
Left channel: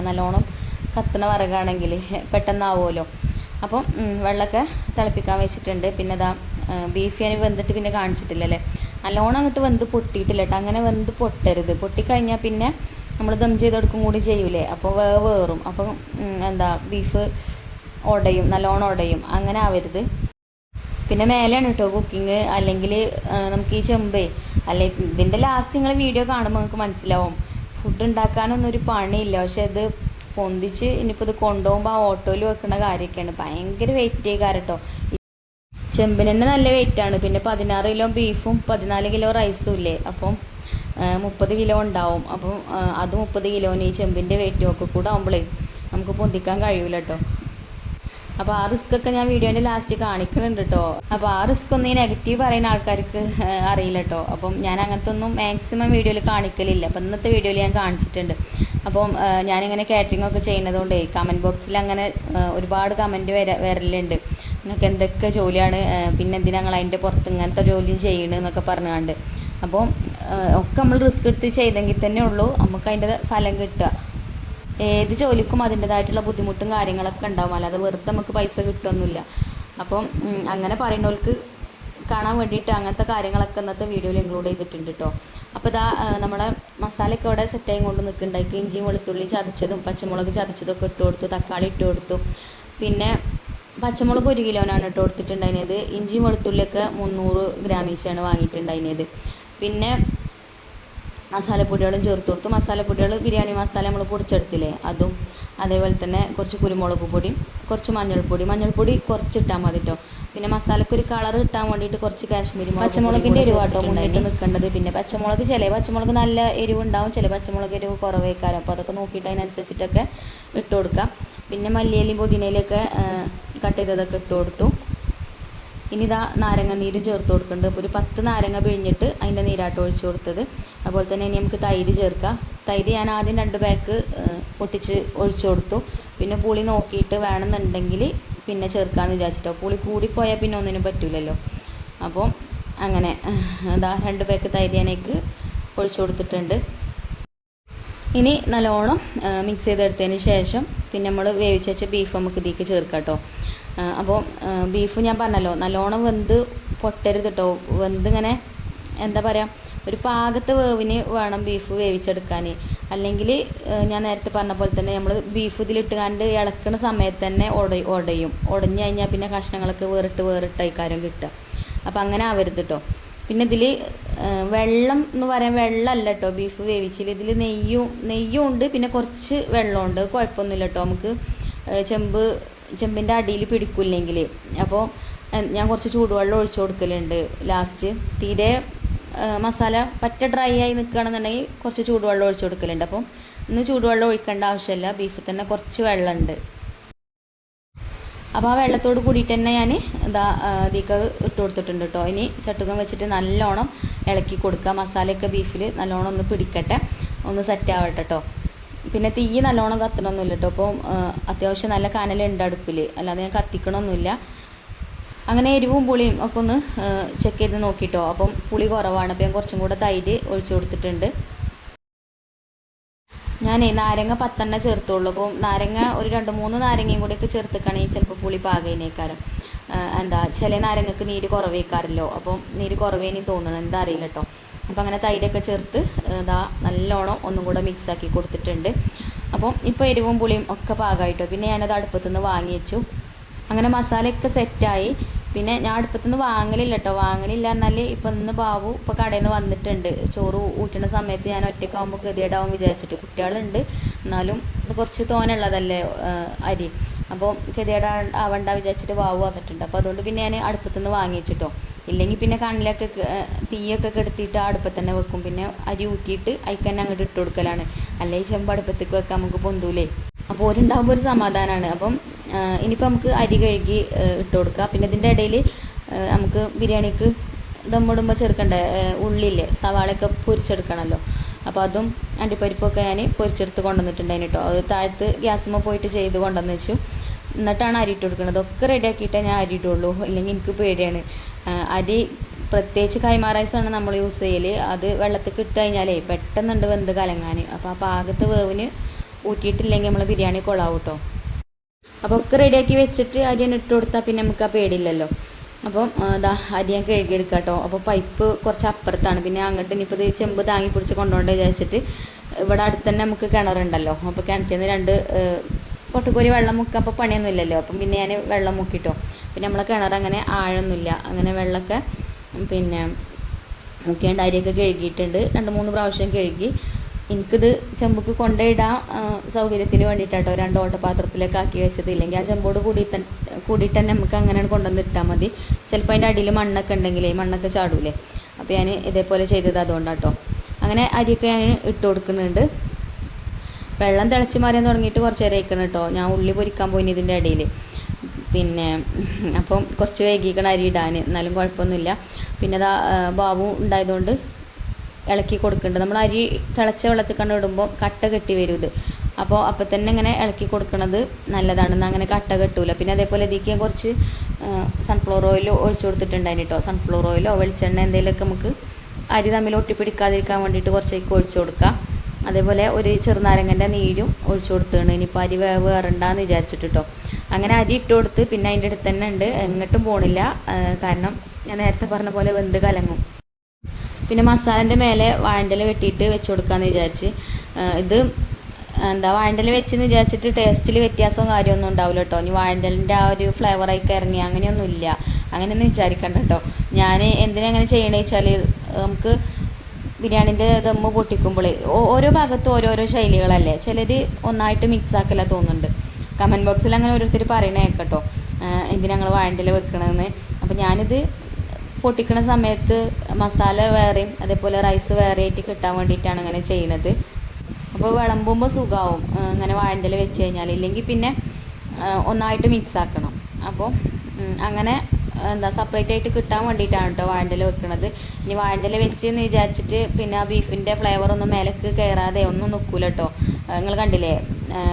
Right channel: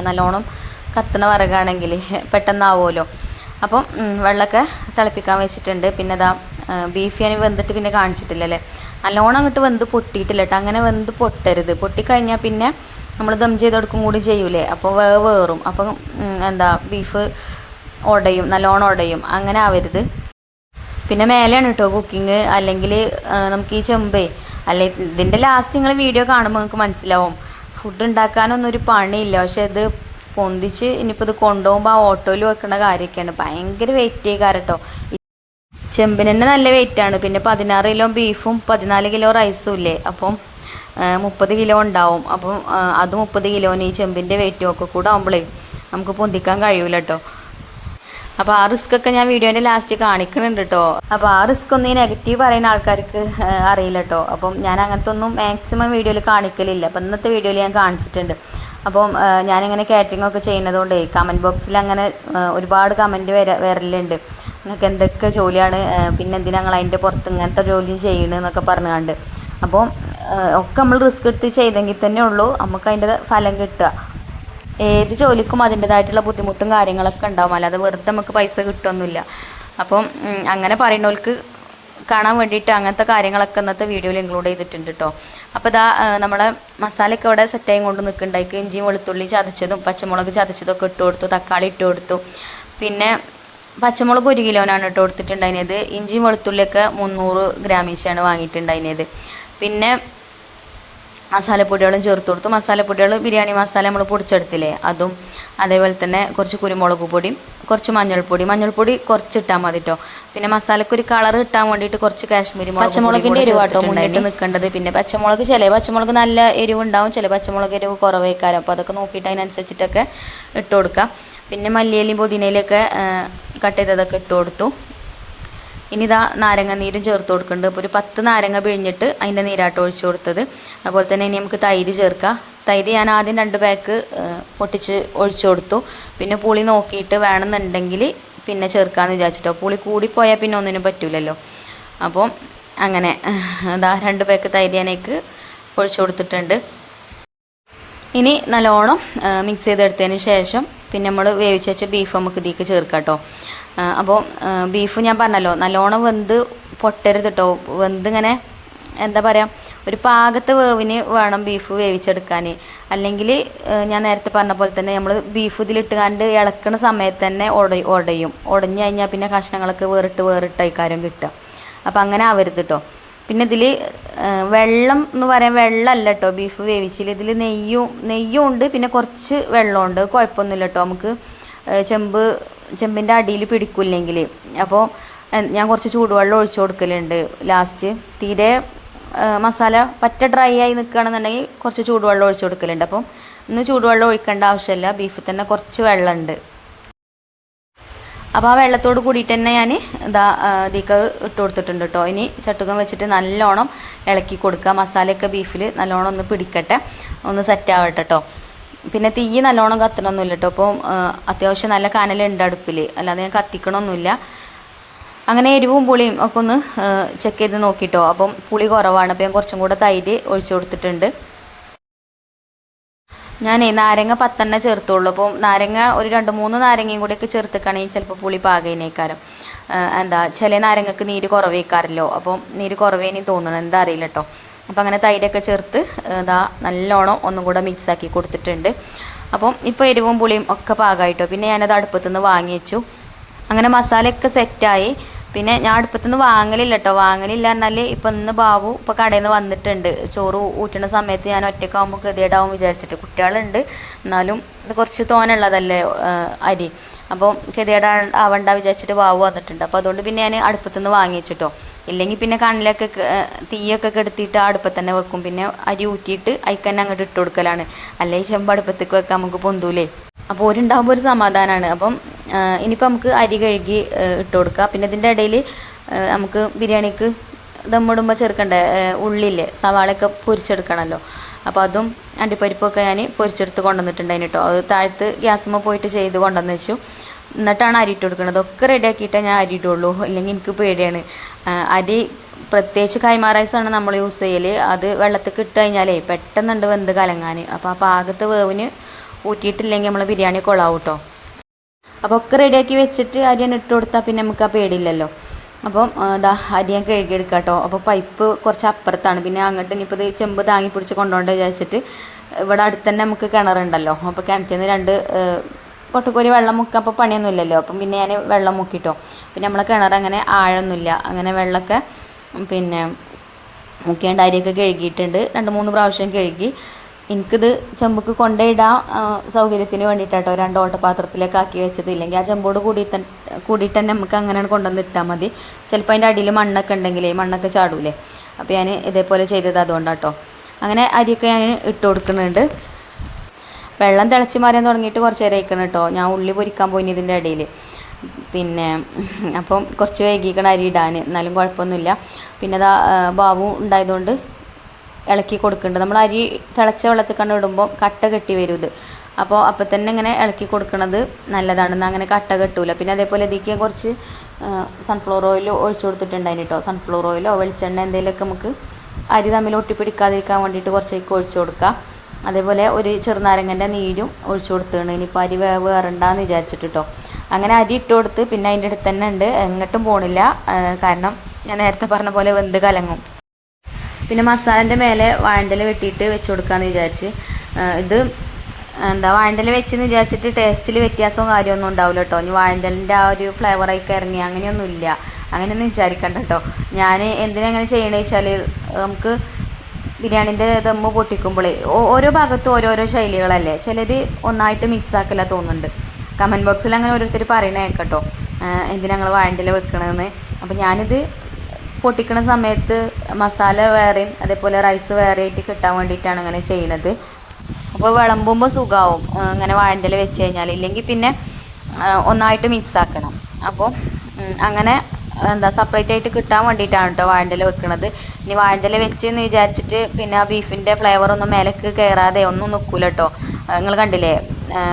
നല്ലോണം കത്തുന്ന വിറകാണെങ്കിൽ പെട്ടെന്നാവുമല്ലോ. അപ്പം വെള്ളമൊക്കെ തിളപ്പിക്കാൻ വെച്ചിട്ടുണ്ട്. പിന്നെ അതാ ബീഫ് ഞാൻ വെന്തിട്ട് പിന്നെ കാണിച്ചിട്ടില്ലല്ലേ, നല്ലോണം അങ്ങോട്ട് വെന്ത് പൊട്ടിയിട്ടില്ല കേട്ടോ. അങ്ങനെ വെന്ത് പൊട്ടരുത്. പൊട്ടിക്കഴിഞ്ഞാൽ പിന്നെ നമ്മൾ ദം ചെയ്തെടുക്കും കൂടി ചെയ്യൂലേ, അപ്പോൾ വേറും. അപ്പം ബീഫ് ഉടയും, നല്ലോണം ഉടയും. അങ്ങനെ ആവരുത്. പിന്നെ മേലെയാണ് കേട്ടോ കുക്കിങ്. അല്ലെങ്കിൽ നമുക്ക് ഈ ചെമ്പേ ഇതിൻ്റെ ലാസ്റ്റ് നിങ്ങൾ വീഡിയോ കാണുമ്പോൾ നിങ്ങൾക്ക് മനസ്സിലാവും. ഫുഡ് ഉണ്ടാക്കാനൊന്നും ഒരു പണിയില്ല. പക്ഷെ ഇത് പൊന്തിച്ച് ഇനിയിപ്പോൾ ഇത് കൊണ്ടുപോകുമ്പോൾ ആ ഓട്ടോയിൽ വെക്കുന്ന കാര്യമൊക്കെയാണ്. ഭയങ്കര വെയിറ്റ് ചെയ്യുക കേട്ടോ. ചെമ്പിന് തന്നെ നല്ല വെയിറ്റാണ്. പിന്നെ 16 കിലോ ബീഫും 14 കിലോ റൈസും ഇല്ലേ, അപ്പം 30 കിലോ ഉണ്ടാവും. അപ്പം അത് 30 കിലോന് ഈ ചെമ്പിൻ്റെ വെയിറ്റും ഒക്കെ കൂടെ ആകുമ്പോഴേ നമുക്ക് പൊന്തിക്കാൻ കഴിയൂല കേട്ടോ. അപ്പോൾ ആ റിസ്ക് ഒക്കെ ഞാൻ വീഡിയോൻ്റെ ലാസ്റ്റ് കാണിക്കുന്നുണ്ട് കേട്ടോ. അപ്പോൾ ആ റിസ്ക് ഒന്നും ഈ നെഗറ്റീവ് പറയുന്ന ആൾക്കാർക്ക് അറിയില്ല കേട്ടോ. അപ്പം ഞാൻ അങ്ങനത്തെ ഒന്നും മാക്സിമം വീഡിയോയിൽ കാണിക്കലില്ല. അപ്പം ഇന്നത്തെ വീഡിയോയിൽ ഞാൻ കാണിച്ചിട്ടുണ്ട്. അപ്പം ഞാനിങ്ങനെ കാറ്ററിംഗ് ഒക്കെ ചെയ്യുന്നതുകൊണ്ട് കമൻറ്റ് ബോക്സിൽ അങ്ങനെ ഒരുപാട് കമൻറ്റ് വരലുണ്ട്. നിങ്ങൾക്ക് എന്തൊക്കെ ജോലിയാണ്, പിന്നെ എന്തിനാ നിങ്ങൾ അതിൻ്റെ പുറത്ത് ഇങ്ങനത്തെ ജോലിയും ചെയ്യണമെന്നൊക്കെ പറഞ്ഞുകൊണ്ട്. അപ്പോൾ ഒക്കെ നമ്മൾ റിസ്ക് എടുത്ത് ചെയ്തെങ്കിൽ തന്നെ ഉള്ളൂ നമുക്ക് അതിൻ്റെ ഫലം കിട്ടുക. ഏത് ജോലിക്കും അതിൻ്റെതായിട്ടുള്ള ബുദ്ധിമുട്ടും കാര്യങ്ങളൊക്കെ ഉണ്ടാവും. അല്ലാതെ വെറുതെ നമുക്ക് പൈസ കിട്ടുമൊന്നുമില്ല. അപ്പം അങ്ങനെ പറയുന്നവർക്ക് കാണാൻ വേണ്ടിയിട്ട് അങ്ങനത്തെ കാര്യങ്ങളൊക്കെ ഇന്നത്തെ വീഡിയോയിൽ ഇൻക്ലൂഡ് ചെയ്തിട്ടുണ്ട് കേട്ടോ. അപ്പോൾ ഇതാ നമ്മളെ മസാലയൊക്കെ ഇവിടെ സെറ്റായി കൊണ്ട് നിൽക്കുന്നുണ്ടായിക്ക്. ഇഞ്ചിയും വെളുത്തുള്ളി ചതച്ചതും പച്ചമുളക് ചതച്ചതും ഒക്കെ ഇട്ട് കൊടുത്തു. തക്കാളി ഇട്ട് കൊടുത്തു. പിന്നെ പച്ചമുളക് 1 കിലോനാണ് ഇട്ട് കൊടുത്തിട്ടുണ്ടായിരുന്നത്. ഇഞ്ചിയും വെളുത്തുള്ളിയൊക്കെ 300 ഗ്രാം ഈച്ചാണ് വാങ്ങിയിട്ടുണ്ടായിരുന്നത്. പിന്നെ മസാലപ്പൊടികളും ചേർത്ത് കൊടുത്തു. മസാലപ്പൊടികൾ ബിരിയാണി മസാല നമ്മൾ പൊടിച്ചെടുത്തില്ലേ, അതും അതേപോലെ തന്നെ കുറച്ച് കുരുമുളക് പൊടിയും കുറച്ച് മഞ്ഞൾപ്പൊടി കുറച്ചിട്ടാൽ മതി കേട്ടോ. പിന്നെ മസാലയ്ക്ക് ഒരു കളർ കിട്ടാൻ വേണ്ടിയിട്ട് കുറച്ച് കാശ്മീരി പച്ചമുളകിൻ്റെ എരിവാട്ടോ മുന്നിട്ട് നിൽക്കേണ്ടത്. പിന്നെ പച്ചമുളക് ചില പച്ചമുളക് നല്ല എരിവുണ്ടാവും, ചില പച്ചമുളക് എരിവ് കുറവേക്കാരം. അപ്പോൾ അതൊക്കെ നോക്കിയിട്ട് അതിനനുസരിച്ചിട്ടൊക്കെ ഇട്ട് കൊടുക്കാം. പിന്നെ മല്ലിയിലയും പുതിനയിലൊക്കെ കട്ട് ചെയ്തതൊക്കെ ഇട്ട് കൊടുത്തു. ഇനി ഇതാ നാരങ്ങ നീരും ചേർത്ത് കൊടുക്കുന്നുണ്ട്. അപ്പോൾ ഒരു 10 നാരങ്ങ പിഴിഞ്ഞിട്ട് അതിൻ്റെ നീരാട്ട് ഒഴിച്ചു കൊടുത്തത്. അതുപോലെ തന്നെ ഇനി നമുക്ക് തൈര് ചേർക്കാം. തൈര് ഞാൻ ആദ്യം 2 പാക്ക് പൊട്ടിച്ച് ഒഴിച്ചു കൊടുത്തു. പിന്നെ പുളി നോക്കിയിട്ട് വേണമെന്നുണ്ടെങ്കിൽ പിന്നെ ചേർക്കാമെന്ന് വിചാരിച്ചിട്ടോ. പുളി കൂടിപ്പോയാൽ പിന്നെ ഒന്നിനും പറ്റില്ലല്ലോ. അപ്പോൾ അങ്ങനെ ഇതാ 2 പാക്ക് തൈര് ഞാനേക്ക് ഒഴിച്ചു കൊടുത്തിട്ടുണ്ട്. ഇനി നല്ലോണം മിക്സ് ചെയ്തെടുത്തതിന് ശേഷം പിന്നെ നമ്മൾ വേവിച്ച് വെച്ച ബീഫ് നമുക്ക് ഇതിലേക്ക് ചേർക്കാം കേട്ടോ. അപ്പോൾ ബീഫ് ഞാൻ പറഞ്ഞല്ലോ നല്ലോണം വെന്ത് പൊട്ടരുത് കേട്ടോ. വെന്തിങ്ങനെ എന്താ പറയുക, ഒരു പാകത്തെ വേവിന് വേണം ബീഫ് വേവിച്ചെടുക്കാൻ. അല്ലെങ്കിൽ ഞാൻ നേരത്തെ പറഞ്ഞ പോലെ തന്നെ നമ്മൾ ബീഫ് ഇതിലിട്ടുകാണ്ട് ഇളക്കുന്ന സമയത്ത് തന്നെ ഉടഞ്ഞു കഴിഞ്ഞാൽ പിന്നെ കഷ്ണങ്ങളൊക്കെ വേറിട്ടായിക്കാരം കിട്ടുക. അപ്പോൾ അങ്ങനെ ആവരുത് കേട്ടോ. പിന്നെ ഇതിൽ വെള്ളം എന്ന് പറയാൻ വെള്ളമല്ല കേട്ടോ ബീഫ് വേവിച്ചിൽ. ഇതിൽ നെയ്യും ഉണ്ട്, പിന്നെ കുറച്ച് വെള്ളമുണ്ട്. കുഴപ്പമൊന്നുമില്ല കേട്ടോ. നമുക്ക് ചെമ്പിൻ്റെ അടിയിൽ പിടിക്കില്ലെങ്കിൽ. അപ്പോൾ ഞാൻ കുറച്ച് ചൂടുവെള്ളം ഒഴിച്ചു കൊടുക്കലുണ്ട് ലാസ്റ്റ്. തീരെ മസാല പറ്റ ഡ്രൈ ആയി നിൽക്കുകയാണെന്നുണ്ടെങ്കിൽ കുറച്ച് ചൂടുവെള്ളം ഒഴിച്ചു കൊടുക്കലുണ്ട്. അപ്പം ഇന്ന് ചൂടുവെള്ളം ഒഴിക്കേണ്ട ആവശ്യമില്ല, ബീഫിൽ തന്നെ കുറച്ച് വെള്ളമുണ്ട്. അപ്പോൾ ആ വെള്ളത്തോട് കൂടിയിട്ട് തന്നെ ഞാൻ ഇതിലേക്ക് ഇട്ട് കൊടുത്തിട്ടുണ്ട് കേട്ടോ. ഇനി ചട്ടുകം വെച്ചിട്ട് നല്ലോണം ഇളക്കി കൊടുക്കുക. മസാലയൊക്കെ ബീഫിൽ നല്ലോണം ഒന്ന് പിടിക്കട്ടെ, ഒന്ന് സെറ്റ് ആവട്ടെ കേട്ടോ. പിന്നെ തീ നല്ലോണം കത്തണമൊന്നുമില്ല കേട്ടോ. അപ്പോൾ അത്യാവശ്യം നല്ല കനലുണ്ട് അടുപ്പിൽ, അല്ലാതെ ഞാൻ കത്തിക്കണമൊന്നുമില്ല. അങ്ങനെ എരിവും പുളിയും ഒക്കെ ഒന്ന് ചെക്ക് ചെയ്ത് നോക്കിട്ടോ. അപ്പം പുളി കുറവാണ്, അപ്പോൾ ഞാൻ കുറച്ചും കൂടെ തൈര് ഒഴിച്ചു കൊടുത്തിട്ടുണ്ട്. ഞാൻ നാരങ്ങ 10 ചേർത്തുള്ളൂ. അപ്പോൾ നാരങ്ങ ഒരു 2-3 നാരങ്ങയും കൂടിയൊക്കെ ചേർത്തിക്കുകയാണെങ്കിൽ ചിലപ്പോൾ പുളി പാകേനേക്കാരം. ചില നാരങ്ങക്ക് നീര് കുറവേക്കാറല്ലോ. അപ്പം നീര് കുറവേനി തോന്നണം, എന്താ അറിയില്ല കേട്ടോ. അപ്പോൾ അങ്ങനെ തൈരൊക്കെ ചേർത്ത് നല്ലോണം ഒന്നും കൂടെ മിക്സാക്കി കൊടുത്തിട്ടുണ്ട്. അപ്പം ഇപ്പോൾ എരിവും പുളിയും ഒക്കെ പാകമായിട്ടോ. പിന്നെ ഞാനത് അടുപ്പത്തുനിന്ന് വാങ്ങി വെച്ചു. അങ്ങനെ മസാലയൊക്കെ സെറ്റായി. പിന്നെ ഞാൻ അടുപ്പത്തുനിന്ന് വാങ്ങലില്ല കേട്ടോ. വാങ്ങലില്ല എന്നാൽ ഇപ്പം ഇന്ന് ബാബു ഇപ്പോൾ കടയിൽ നിന്ന് വന്നിട്ടുണ്ട്. ചോറ് ഊറ്റുന്ന സമയത്ത് ഞാൻ ഒറ്റയ്ക്കാവുമ്പോൾ ഗതികേടാവും വിചാരിച്ചിട്ട്. കുട്ടികളുണ്ട്, എന്നാലും ഇത് കുറച്ച് തോനുള്ളതല്ലേ അരി. അപ്പോൾ ഗതികേടാവണ്ട വിചാരിച്ചിട്ട് ബാബു വന്നിട്ടുണ്ട്. അപ്പോൾ അതുകൊണ്ട് പിന്നെ ഞാൻ അടുപ്പത്തുനിന്ന് വാങ്ങി വെച്ചിട്ടോ. ഇല്ലെങ്കിൽ പിന്നെ കണ്ണിലൊക്കെ തീയൊക്കെ കെടുത്തിയിട്ട് അടുപ്പത്ത് തന്നെ വെക്കും. പിന്നെ അരി ഊറ്റിയിട്ട് അതിക്ക് തന്നെ അങ്ങോട്ട് ഇട്ട് കൊടുക്കലാണ്. അല്ലെങ്കിൽ ചെമ്പ് അടുപ്പത്തേക്ക് വെക്കാൻ നമുക്ക് പൊന്തൂലേ. അപ്പോൾ ഒരുണ്ടാകുമ്പോൾ ഒരു സമാധാനമാണ്. അപ്പം ഇനിയിപ്പോൾ നമുക്ക് അരി കഴുകി ഇട്ട് കൊടുക്കുക. പിന്നെ ഇതിൻ്റെ ഇടയിൽ നമുക്ക് ബിരിയാണിക്ക് ദമ്മിടുമ്പോൾ ചേർക്കണ്ടേ ഉള്ളില്ലേ, സവാളയൊക്കെ പൊരിച്ചെടുക്കണമല്ലോ. അപ്പോൾ അതും അണ്ടിപ്പരിപ്പൊക്കെ ഞാൻ പൊരിച്ചെടുത്ത് കൊണ്ടുവന്നിട്ടുണ്ടായിരുന്നു കേട്ടോ. അത് താഴത്ത് ഗ്യാസുമ്മ പോയിട്ട് ചെയ്ത് കൊണ്ടുവന്ന് വെച്ചു. എന്നിട്ടാണ് അരി ഇട്ട് കൊടുക്കുന്നത്. ഒക്കെ റെഡിയാക്കിയിട്ടേ ഞാൻ അരി ഇട്ടുള്ളൂ, ഇല്ലെങ്കിൽ എനിക്ക് പേടിയാണ്. അരി പ്രത്യേകിച്ച് കൈമാ റൈസാണ് നമ്മൾ യൂസ് ചെയ്യൽ. അത് വെള്ളത്തിൽ ഇട്ട് കഴിഞ്ഞാലേ പെട്ടെന്നുണ്ട് വെന്ത് കലങ്ങാൻ. അപ്പോൾ ആ പാകത്ത് വേവിന് ഊറ്റിയിട്ടില്ലെങ്കിൽ നമ്മൾ ബിരിയാണി കൊള്ളാവും കേട്ടോ. അപ്പോൾ ഒക്കെ റെഡിയാക്കി വെച്ചിട്ട് അരിയാണ് ഇട്ട് കൊടുത്താൽ പിന്നെ നമുക്ക് ആ പേടിയില്ലല്ലോ. അപ്പം ഇതാ അരി ഞാൻ കഴുകിയെടുക്കാം കേട്ടോ. അപ്പോൾ പൈപ്പ് കുറച്ച് അപ്പുറത്താണ്. പിന്നെ അങ്ങോട്ട് ഇനിയിപ്പോൾ ഇത് ചെമ്പ് താങ്ങി പിടിച്ച് കൊണ്ടുപോകേണ്ട വിചാരിച്ചിട്ട് ഇവിടെ അടുത്ത് തന്നെ നമുക്ക് കിണറുണ്ടല്ലോ. അപ്പോൾ കിണറ്റിൽ നിന്ന് 2 കൊട്ടക്കോരി വെള്ളം മുക്കുക. അപ്പോൾ പണിയൊന്നും ഇല്ലല്ലോ. അപ്പം പിന്നെ ഞാൻ വെള്ളം മുക്കിട്ടോ. പിന്നെ നമ്മളെ കിണർ അങ്ങനെ ആഴമൊന്നുമില്ല. അങ്ങനെ വെള്ളമൊക്കെ പിന്നെ മുക്കിയാണ്ട് അരിയൊക്കെ കഴുകിയിട്ടുണ്ട്. 2-3 പ്രാവശ്യം കഴുകി. എനിക്കിത് ചെമ്പുക്ക് കൊണ്ടുപോയിടാൻ സൗകര്യത്തിന് വേണ്ടിയിട്ടോ 2 ഓട്ടപാത്രത്തിലേക്ക് ആക്കി വെച്ചത്. ഇല്ലെങ്കിൽ ആ ചെമ്പോട് കൂടിയിട്ട് തന്നെ നമുക്ക് അങ്ങനെയാണ് കൊണ്ടുവന്നിട്ടാൽ മതി. ചിലപ്പോൾ അതിൻ്റെ അടിയിൽ മണ്ണൊക്കെ ഉണ്ടെങ്കിലേ മണ്ണൊക്കെ ചാടൂലേ. അപ്പോൾ ഞാൻ ഇതേപോലെ ചെയ്തത് അതുകൊണ്ടാട്ടോ. അങ്ങനെ അരിയൊക്കെ ഞാൻ ഇട്ട് കൊടുക്കുന്നുണ്ട്. വെള്ളം തിളച്ച് മാറാൻ തുടങ്ങിയിട്ട് കുറച്ച് നേരം ആയിക്കണം കേട്ടോ. ഞാൻ ഉള്ളി പൊരിക്കാൻ പോയിന് ഇതിൻ്റെ ഇടയിൽ. പിന്നെ അപ്പം കുറച്ച് വൈകിക്കണം അരി ഇടാൻ, എന്നാലും കുഴപ്പമൊന്നുമില്ല. പിന്നെ അതാ ബാബു ഉണ്ടായതുകൊണ്ട് ഇളക്കി കൊടുക്കുന്നുണ്ട്. നമ്മൾ അരി തിളച്ച വെള്ളത്തിൽ കണ്ട് ഇടുമ്പോൾ കട്ട കെട്ടി വരും ഇത്. അപ്പോൾ തന്നെ ഇങ്ങനെ ഇളക്കി കൊടുക്കുന്നത് നല്ലതാണ്. അങ്ങനെ കട്ട കെട്ടൂല. പിന്നെ അതേപോലെ ഇതിലേക്ക് കുറച്ച് സൺഫ്ലവർ ഓയിൽ ഒഴിച്ചു കൊടുത്തിട്ടുണ്ടായിന് കേട്ടോ. സൺഫ്ലവർ ഓയിലോ വെളിച്ചെണ്ണ എന്തെങ്കിലുമൊക്കെ നമുക്ക് അരി തമ്മിൽ ഒട്ടിപ്പിടിക്കാതിരിക്കാൻ വേണ്ടിയിട്ട് കുറച്ചേക്ക് ഒഴിച്ചു കൊടുക്കുക. അതേപോലെ ഒരു ചെറുനാരങ്ങൻ്റെ നീരും ഒഴിച്ചു കൊടുത്തിട്ടുണ്ട്. ഇനിയിപ്പോൾ അരി വേറെണ്ടാന്ന് വിചാരിച്ചിട്ട് കേട്ടോ. അങ്ങനെ അരി ഇട്ട് കൊടുത്ത് പിന്നെ അതിൻ്റെ അടുത്ത് തന്നെ ഉണ്ട്, എങ്ങോട്ടും പോണില്ല. കാരണം ഞാൻ നേരത്തെ പറഞ്ഞ പോലെ വെന്ത് കലങ്ങും. പിന്നെ മസാലൻ്റെ മേലെ വാഴൻ്റെല വെട്ടിയിട്ട് വെച്ച് കൊടുക്കാമെന്ന് വിചാരിച്ച്. ഇത് വാഴൻ്റെല വെച്ചെന്ന് വിചാരിച്ചിട്ട് ടേസ്റ്റിൽ വ്യത്യാസവും കാര്യമൊന്നും ഉണ്ടാവില്ല കേട്ടോ. ഇനി വാഴൻ്റെലിൻ്റെ ആ ഒരു ഫ്ലേവറായിക്ക് ഇറങ്ങി അങ്ങനെയൊന്നുമില്ല. അങ്ങനെയൊന്നും വിചാരിക്കണ്ട കേട്ടോ. ഞാൻ എന്തിനങ്ങനെ ചെയ്യണമെന്ന് വെച്ചാൽ നമുക്ക് ബിരിയാണീൻ്റെ ദമ്മ് പൊട്ടിക്കുമ്പോഴേ ഓരോ ഭാഗത്തും ഓരോരോ ശൈലികളല്ലേ. ചിലർ ഒന്നായിട്ട് മിക്സ് ആക്കില്ല തോന്നുന്നുണ്ട്. കമൻറ്റ് ബോക്സിൽ അങ്ങനെ ഓരോരുത്തർ പറയണേ കേട്ടോ എന്തിനാ ഞങ്ങൾ വാഴൻ്റെല വെക്കണമെന്ന്. അപ്പോൾ ഞാനിത് പൊട്ടിക്കുന്ന സമയത്ത് മസാല വേറെയും അതേപോലെ റൈസ് വേറെ ആയിട്ട് കിട്ടാൻ വേണ്ടിയിട്ടാണ് അങ്ങനെ ചെയ്യുന്നത്. അപ്പോൾ വിളമ്പുമ്പോൾ സുഖമാവും അങ്ങനെ വാഴൻ്റെല വെച്ച് കഴിഞ്ഞാൽ. ഇല്ലെങ്കിൽ പിന്നെ ഒന്നായിട്ട് മിക്സ് ആക്കണം. അപ്പോൾ അങ്ങനെ സെപ്പറേറ്റ് ആയിട്ട് കിട്ടാൻ വേണ്ടിയിട്ടാണ് കേട്ടോ വാഴൻ്റെല വെക്കുന്നത്. ഇനി വാഴൻ്റെല വെച്ചെന്ന് വിചാരിച്ചിട്ട് പിന്നെ ആ ബീഫിൻ്റെ ഫ്ലേവറൊന്നും മേലേക്ക് കയറാതെ ഒന്നും നിൽക്കൂല കേട്ടോ. നിങ്ങൾ കണ്ടില്ലേ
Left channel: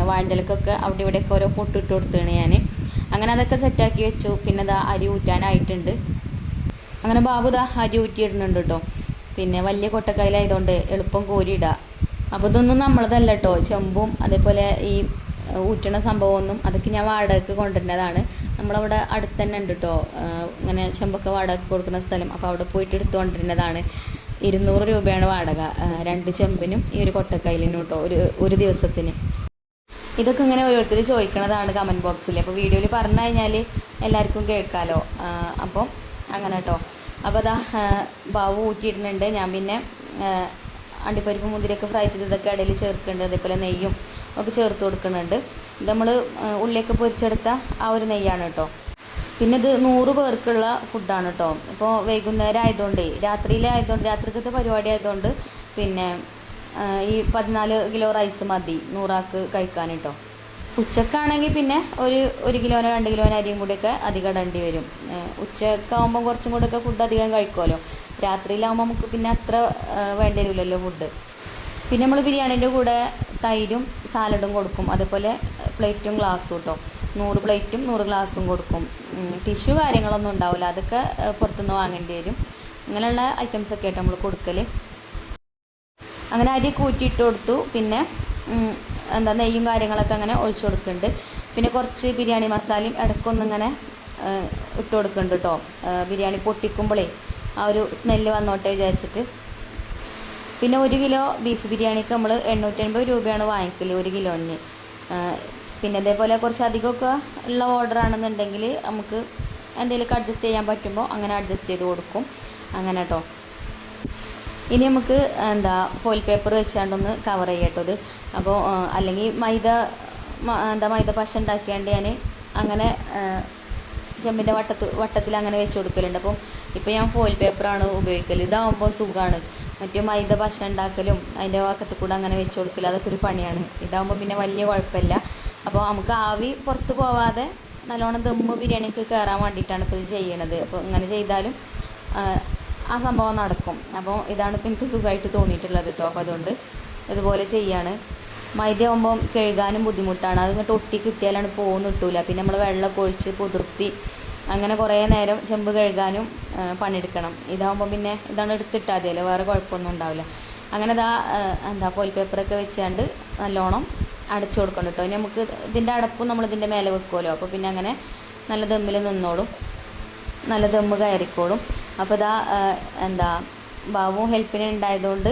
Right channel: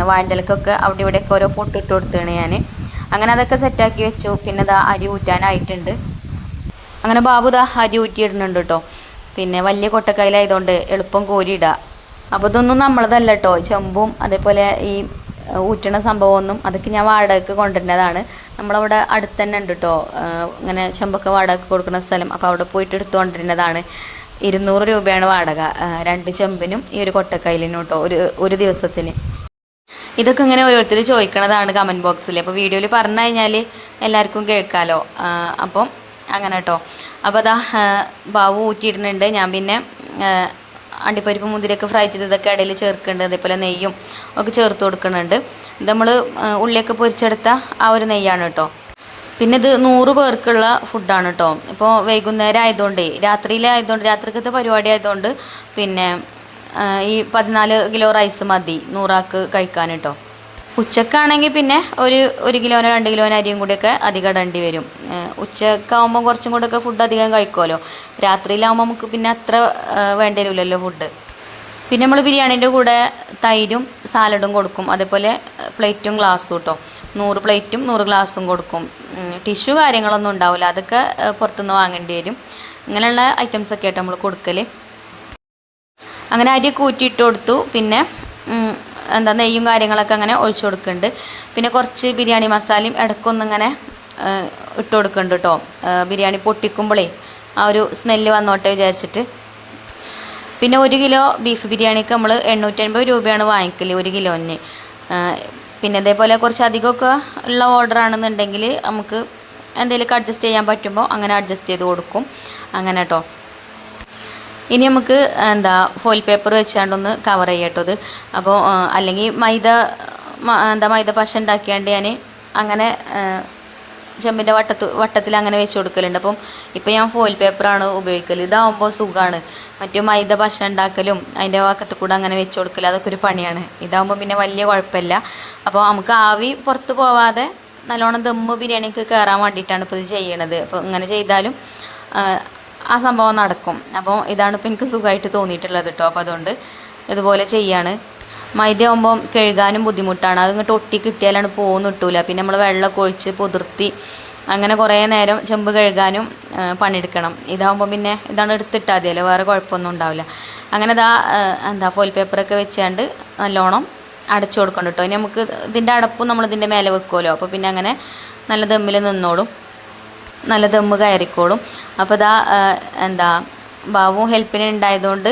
വാഴൻ്റെലക്കൊക്കെ അവിടെ ഇവിടെയൊക്കെ ഓരോ പൊട്ടിട്ട് കൊടുത്താണ് ഞാൻ. അങ്ങനെ അതൊക്കെ സെറ്റാക്കി വെച്ചു. പിന്നെ ഇതാ അരി ഊറ്റാനായിട്ടുണ്ട്. അങ്ങനെ ബാബു ദാ അരി ഊറ്റിയിടുന്നുണ്ട് കേട്ടോ. പിന്നെ വലിയ കൊട്ടക്കയിലായതുകൊണ്ട് എളുപ്പം കോരിയിടുക. അപ്പോൾ ഇതൊന്നും നമ്മളതല്ല കേട്ടോ. ചെമ്പും അതേപോലെ ഈ ഊറ്റണ സംഭവമൊന്നും അതൊക്കെ ഞാൻ വാടകയ്ക്ക് കൊണ്ടുവരുന്നതാണ്. നമ്മളവിടെ അടുത്ത് തന്നെ ഉണ്ട് കേട്ടോ ഇങ്ങനെ ചെമ്പൊക്കെ വാടകയ്ക്ക് കൊടുക്കുന്ന സ്ഥലം. അപ്പോൾ അവിടെ പോയിട്ട് എടുത്തു കൊണ്ടിരുന്നതാണ്. 200 രൂപയാണ് വാടക 2 ചെമ്പിനും ഈ ഒരു കൊട്ടക്കയിലിനും കേട്ടോ ഒരു ദിവസത്തിന്. ഇതൊക്കെ ഇങ്ങനെ ഓരോരുത്തർ ചോദിക്കണതാണ് കമൻറ്റ് ബോക്സിൽ. അപ്പോൾ വീഡിയോയിൽ പറഞ്ഞു കഴിഞ്ഞാൽ എല്ലാവർക്കും കേൾക്കാമല്ലോ. അപ്പം അങ്ങനെ കേട്ടോ. അപ്പോൾ അതാ ബാബു ഊറ്റിയിടുന്നുണ്ട്. ഞാൻ പിന്നെ അണ്ടിപ്പരിപ്പ് മുന്തിരിയൊക്കെ ഫ്രൈ ചെയ്തതൊക്കെ ഇടയിൽ ചേർക്കുന്നുണ്ട്. അതേപോലെ നെയ്യും ഒക്കെ ചേർത്ത് കൊടുക്കുന്നുണ്ട്. ഇത് നമ്മൾ ഉള്ളിയൊക്കെ പൊരിച്ചെടുത്ത ആ ഒരു നെയ്യാണ് കേട്ടോ. പിന്നെ ഇത് 100 പേർക്കുള്ള ഫുഡാണ് കേട്ടോ. ഇപ്പോൾ വൈകുന്നേരം ആയതുകൊണ്ട് രാത്രിക്കത്തെ പരിപാടി ആയതുകൊണ്ട് പിന്നെ ഈ 14 കിലോ റൈസ് മതി 100 ആൾക്ക് കഴിക്കാൻ കേട്ടോ. ഉച്ചക്കാണെങ്കിൽ പിന്നെ ഒരു കിലോനോ 2 കിലോനോ അരിയും കൂടിയൊക്കെ അധികം ഇടേണ്ടി വരും. ഉച്ചക്കാവുമ്പോൾ കുറച്ചും കൂടെയൊക്കെ ഫുഡ് അധികം കഴിക്കുമല്ലോ. രാത്രിയിലാവുമ്പോൾ നമുക്ക് പിന്നെ അത്ര വേണ്ടി വരില്ലല്ലോ ഫുഡ്. പിന്നെ നമ്മൾ ബിരിയാണീൻ്റെ കൂടെ തൈരും സാലഡും കൊടുക്കും. അതേപോലെ പ്ലേറ്റും ഗ്ലാസ്സും കേട്ടോ. 100 പ്ലേറ്റും 100 ഗ്ലാസ്സും കൊടുക്കും. ടിഷ്യൂ കാര്യങ്ങളൊന്നും ഉണ്ടാവില്ല, അതൊക്കെ പുറത്തുനിന്ന് വാങ്ങേണ്ടി വരും. ഇങ്ങനെയുള്ള ഐറ്റംസൊക്കെ ആയിട്ട് നമ്മൾ കൊടുക്കൽ. അങ്ങനെ അരിയൊക്കെ ഊറ്റിയിട്ട് കൊടുത്തു. പിന്നെ നെയ്യും കാര്യങ്ങളൊക്കെ അങ്ങനെ ഒഴിച്ചു കൊടുക്കുന്നുണ്ട്. പിന്നെ കുറച്ച് ബിരിയാണി മസാലയും ഇടയ്ക്കൊന്നിങ്ങനെ ഇട്ട് കൊടുക്കുന്നുണ്ട് കേട്ടോ. ബിരിയാണി പൊട്ടിക്കുമ്പോഴേ ആ ഒരു സ്മെല്ല് വന്നോട്ടെ വിചാരിച്ചിട്ട്. പിന്നെ 1 കിലോ ബീഫ് ബിരിയാണിക്ക് നമ്മൾ 850 രൂപയാണ് വാങ്ങിക്കൽ 1 കിലോന്. പിന്നെ ഇതേപോലെ കുറച്ച് അധികമൊക്കെ ഉള്ള ഓർഡർ ആണെന്നുണ്ടെങ്കിൽ നമുക്ക് എന്തെങ്കിലുമൊക്കെ അഡ്ജസ്റ്റ് ചെയ്യാൻ പറ്റുമ്പോൾ അങ്ങനെ അഡ്ജസ്റ്റ് ചെയ്ത് കൊടുക്കും. അങ്ങനെ കേട്ടോ. ഇനി നമുക്ക് ഫോയിൽ പേപ്പർ വെച്ചാണ്ടൊന്ന് കവർ ചെയ്യട്ടത്. അപ്പോൾ അല്ലെങ്കിൽ മൈദ പശ ഉണ്ടാക്കിയാണ്ട് ഞാൻ അങ്ങനെ ചെമ്പിൻ്റെ വട്ടത്തിൽ അങ്ങനെ വെച്ച് കൊടുക്കലുണ്ട്. അപ്പം ഇപ്പോൾ ഞാൻ ഫോയിൽ പേപ്പറാണ് ഉപയോഗിക്കൽ. ഇതാകുമ്പോൾ സുഖമാണ്. മറ്റു മൈദ ഭക്ഷണം ഉണ്ടാക്കലും അതിൻ്റെ വക്കത്ത് കൂടെ അങ്ങനെ വെച്ച് കൊടുക്കലും അതൊക്കെ ഒരു പണിയാണ്. ഇതാകുമ്പോൾ പിന്നെ വലിയ കുഴപ്പമില്ല. അപ്പോൾ നമുക്ക് ആവി പുറത്ത് പോവാതെ നല്ലോണം ദമ്മ് ബിരിയാണിക്ക് കയറാൻ വേണ്ടിയിട്ടാണ് ഇപ്പോൾ ഇത് ചെയ്യണത്. അപ്പോൾ ഇങ്ങനെ ചെയ്താലും ആ സംഭവം നടക്കും. അപ്പോൾ ഇതാണ് ഇപ്പോൾ എനിക്ക് സുഖമായിട്ട് തോന്നിയിട്ടുള്ളത് കേട്ടോ. അപ്പോൾ അതുകൊണ്ട് ഇതുപോലെ ചെയ്യാണ്. മൈദ ആകുമ്പം കഴുകാനും ബുദ്ധിമുട്ടാണ്. അതിങ്ങോട്ട് ഒട്ടി കിട്ടിയാലാണ് പോകുന്നു കിട്ടൂല. പിന്നെ നമ്മൾ വെള്ളമൊക്കെ ഒഴിച്ച് കുതിർത്തി അങ്ങനെ കുറേ നേരം ചെമ്പ് കഴുകാനും പണിയെടുക്കണം. ഇതാകുമ്പോൾ പിന്നെ ഇതാണ് എടുത്തിട്ടാൽ മതിയല്ലോ, വേറെ കുഴപ്പമൊന്നും ഉണ്ടാവില്ല. അങ്ങനെ ഫോയിൽ പേപ്പറൊക്കെ വെച്ചാണ്ട് നല്ലോണം അടച്ചു കൊടുക്കണം കേട്ടോ. ഇനി നമുക്ക് ഇതിൻ്റെ അടപ്പും നമ്മളിതിൻ്റെ മേലെ വെക്കുമല്ലോ. അപ്പോൾ പിന്നെ അങ്ങനെ നല്ല ദമ്മിൽ നിന്നോളും, നല്ല ദമ്മ് കയറിക്കോളും. അപ്പോൾ ബാബു ഹെൽപ്പിന് ഉണ്ടായതുകൊണ്ട്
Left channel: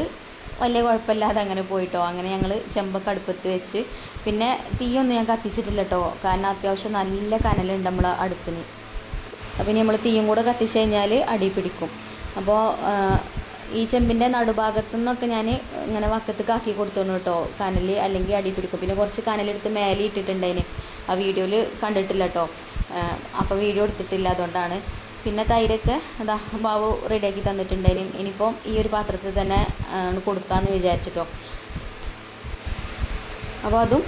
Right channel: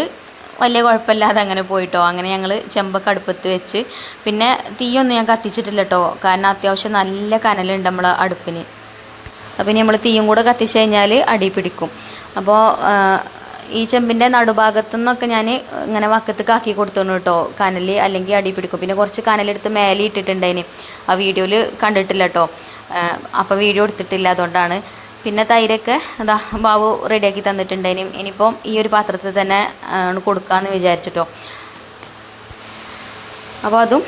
വലിയ കുഴപ്പമില്ലാതെ അങ്ങനെ പോയിട്ടോ. അങ്ങനെ ഞങ്ങൾ ചെമ്പൊക്കെ അടുപ്പത്ത് വെച്ച്, പിന്നെ തീയൊന്നും ഞാൻ കത്തിച്ചിട്ടില്ല കേട്ടോ. കാരണം അത്യാവശ്യം നല്ല കനലുണ്ട് നമ്മളെ അടുപ്പിന്. അപ്പോൾ ഇനി നമ്മൾ തീയും കൂടെ കത്തിച്ച് കഴിഞ്ഞാൽ അടി പിടിക്കും. അപ്പോൾ ഈ ചെമ്പിൻ്റെ നടുഭാഗത്തു നിന്നൊക്കെ ഞാൻ ഇങ്ങനെ വക്കത്തേക്ക് ആക്കി കൊടുത്തോളൂ കേട്ടോ, കനൽ അല്ലെങ്കിൽ അടി പിടിക്കും. പിന്നെ കുറച്ച് കനലെടുത്ത് മേലെ ഇട്ടിട്ടുണ്ടായിന്, ആ വീഡിയോയിൽ കണ്ടിട്ടില്ല കേട്ടോ. അപ്പോൾ വീഡിയോ എടുത്തിട്ടില്ല, അതുകൊണ്ടാണ്. പിന്നെ തൈരൊക്കെ ബാബു റെഡിയാക്കി തന്നിട്ടുണ്ടായിനും. ഇനിയിപ്പം ഈ ഒരു പാത്രത്തിൽ തന്നെ കൊടുക്കാമെന്ന് വിചാരിച്ചിട്ടോ. അപ്പോൾ അതും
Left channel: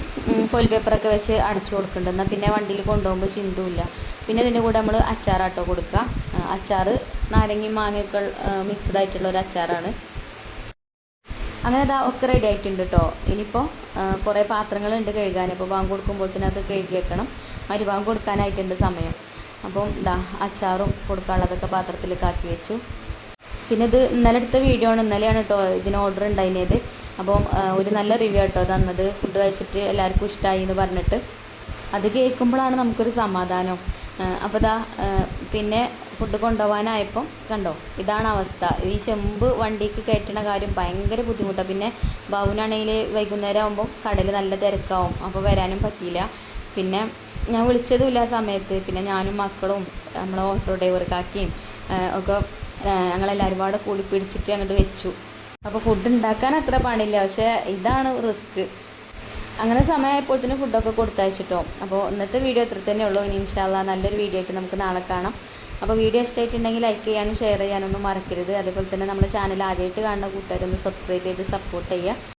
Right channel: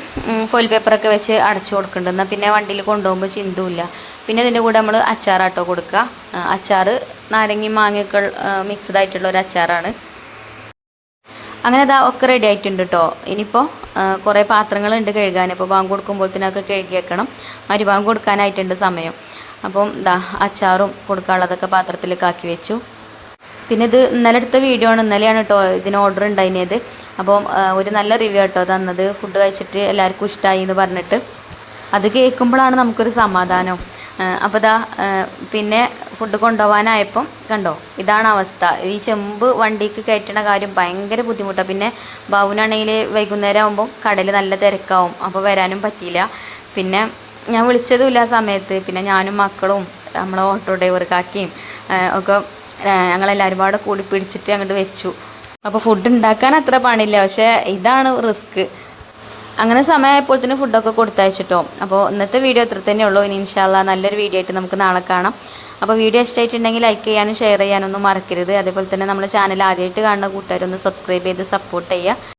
ഫോയിൽ പേപ്പറൊക്കെ വെച്ച് അടച്ചു കൊടുക്കുന്നുണ്ട്. എന്നാൽ പിന്നെ വണ്ടിയിൽ കൊണ്ടുപോകുമ്പോൾ ചിന്തൂല്ല. പിന്നെ ഇതിൻ്റെ കൂടെ നമ്മൾ അച്ചാറാട്ടോ കൊടുക്കുക. അച്ചാർ നാരങ്ങയും മാങ്ങയൊക്കെ മിക്സ്ഡ് ആയിട്ടുള്ള ഒരു അച്ചാറാണ്. അങ്ങനെ ഒക്കെ റെഡി ആയിട്ടുണ്ട് കേട്ടോ. ഇനിയിപ്പോൾ കുറേ പാത്രങ്ങളുണ്ട് കഴുകാൻ. ഇപ്പോൾ ബാങ്ക് കൊടുക്കുമ്പോഴത്തേനൊക്കെ കഴുകി വെക്കണം. ബാങ്ക് കൊടുക്കാനായിട്ടുണ്ട് സമയം. അപ്പം അച്ചാറും കൊടുക്കാനുള്ളതൊക്കെ പാത്രത്തിലേക്ക് ആക്കി വെച്ചു. പിന്നെ ഇത് ഇന്നലെ എടുത്ത വീഡിയോ ആണ്, ഇന്നലെയാണ് കേട്ടോ ഇതിന് ഓർഡർ ഉണ്ടായിരുന്നത്. അപ്പം ഒരു നല്ല റിവ്യൂ കേട്ടോ തന്നത്. ഫുഡ് കഴിച്ചിട്ട് എല്ലാവർക്കും ഇഷ്ടമായി എന്ന് പറഞ്ഞിട്ട് അത് കേൾക്കുമ്പോഴാണ് നമുക്കൊരു സമാധാനം. അപ്പോൾ പിന്നെ ഫുഡ് കൊണ്ടുപോകാനായപ്പം കണ്ടോ ഇതാണ് അവസ്ഥ. ഈ ചെമ്പ് വണ്ടിക്ക് കയറ്റണ കാര്യം ഭയങ്കര ബുദ്ധിമുട്ടാണ്. പിന്നെ ബാബുവിനാണെങ്കിൽ വൈകുന്നേരം ആകുമ്പോൾ കടയിൽ നല്ല തിരക്കാവും, അപ്പോൾ വരാനും പറ്റിയില്ല. പിന്നെ ഞാൻ വിളിച്ചതുമില്ല ആ സമയത്ത്. പിന്നെ ഞാനും മക്കളും നമ്മളെ ഓട്ടോ ഡ്രൈവർ കാക്കിയും ഒക്കെ ഞങ്ങളെല്ലാവരും പാടെ കൂടി പിടിച്ചിട്ട് അങ്ങോട്ട് വെച്ചു. അപ്പോൾ ഫുഡ് ഉണ്ടാക്കാൻ അത്ര പണിയില്ല, പക്ഷേ ഇതാണ് റിസ്ക്. അങ്ങനെ സമയമായപ്പോഴത്തേന് ഫുഡൊക്കെ കൊടുത്തയച്ചിട്ടോ. അപ്പോൾ ഇന്നത്തെ വീഡിയോ ഇത്ര തന്നെ ഉള്ളൂ. ഇനി ഇൻഷാ അല്ലാഹ് നല്ലൊരു വീഡിയോ ആയിട്ട് നമുക്ക് നാളെ കാണാം. അപ്പോൾ വീഡിയോ ഇഷ്ടമായിട്ടുണ്ടെങ്കിൽ ലൈക്ക് ചെയ്യാനും ഷെയർ ചെയ്യാനൊന്നും മറക്കരുത്. അതേപോലെ തന്നെ നമ്മുടെ ചാനൽ ആദ്യമായിട്ട് കാണുന്ന കൂട്ടുകാരൊന്ന് സബ്സ്ക്രൈബ് ചെയ്ത് സപ്പോർട്ട് ചെയ്യുക.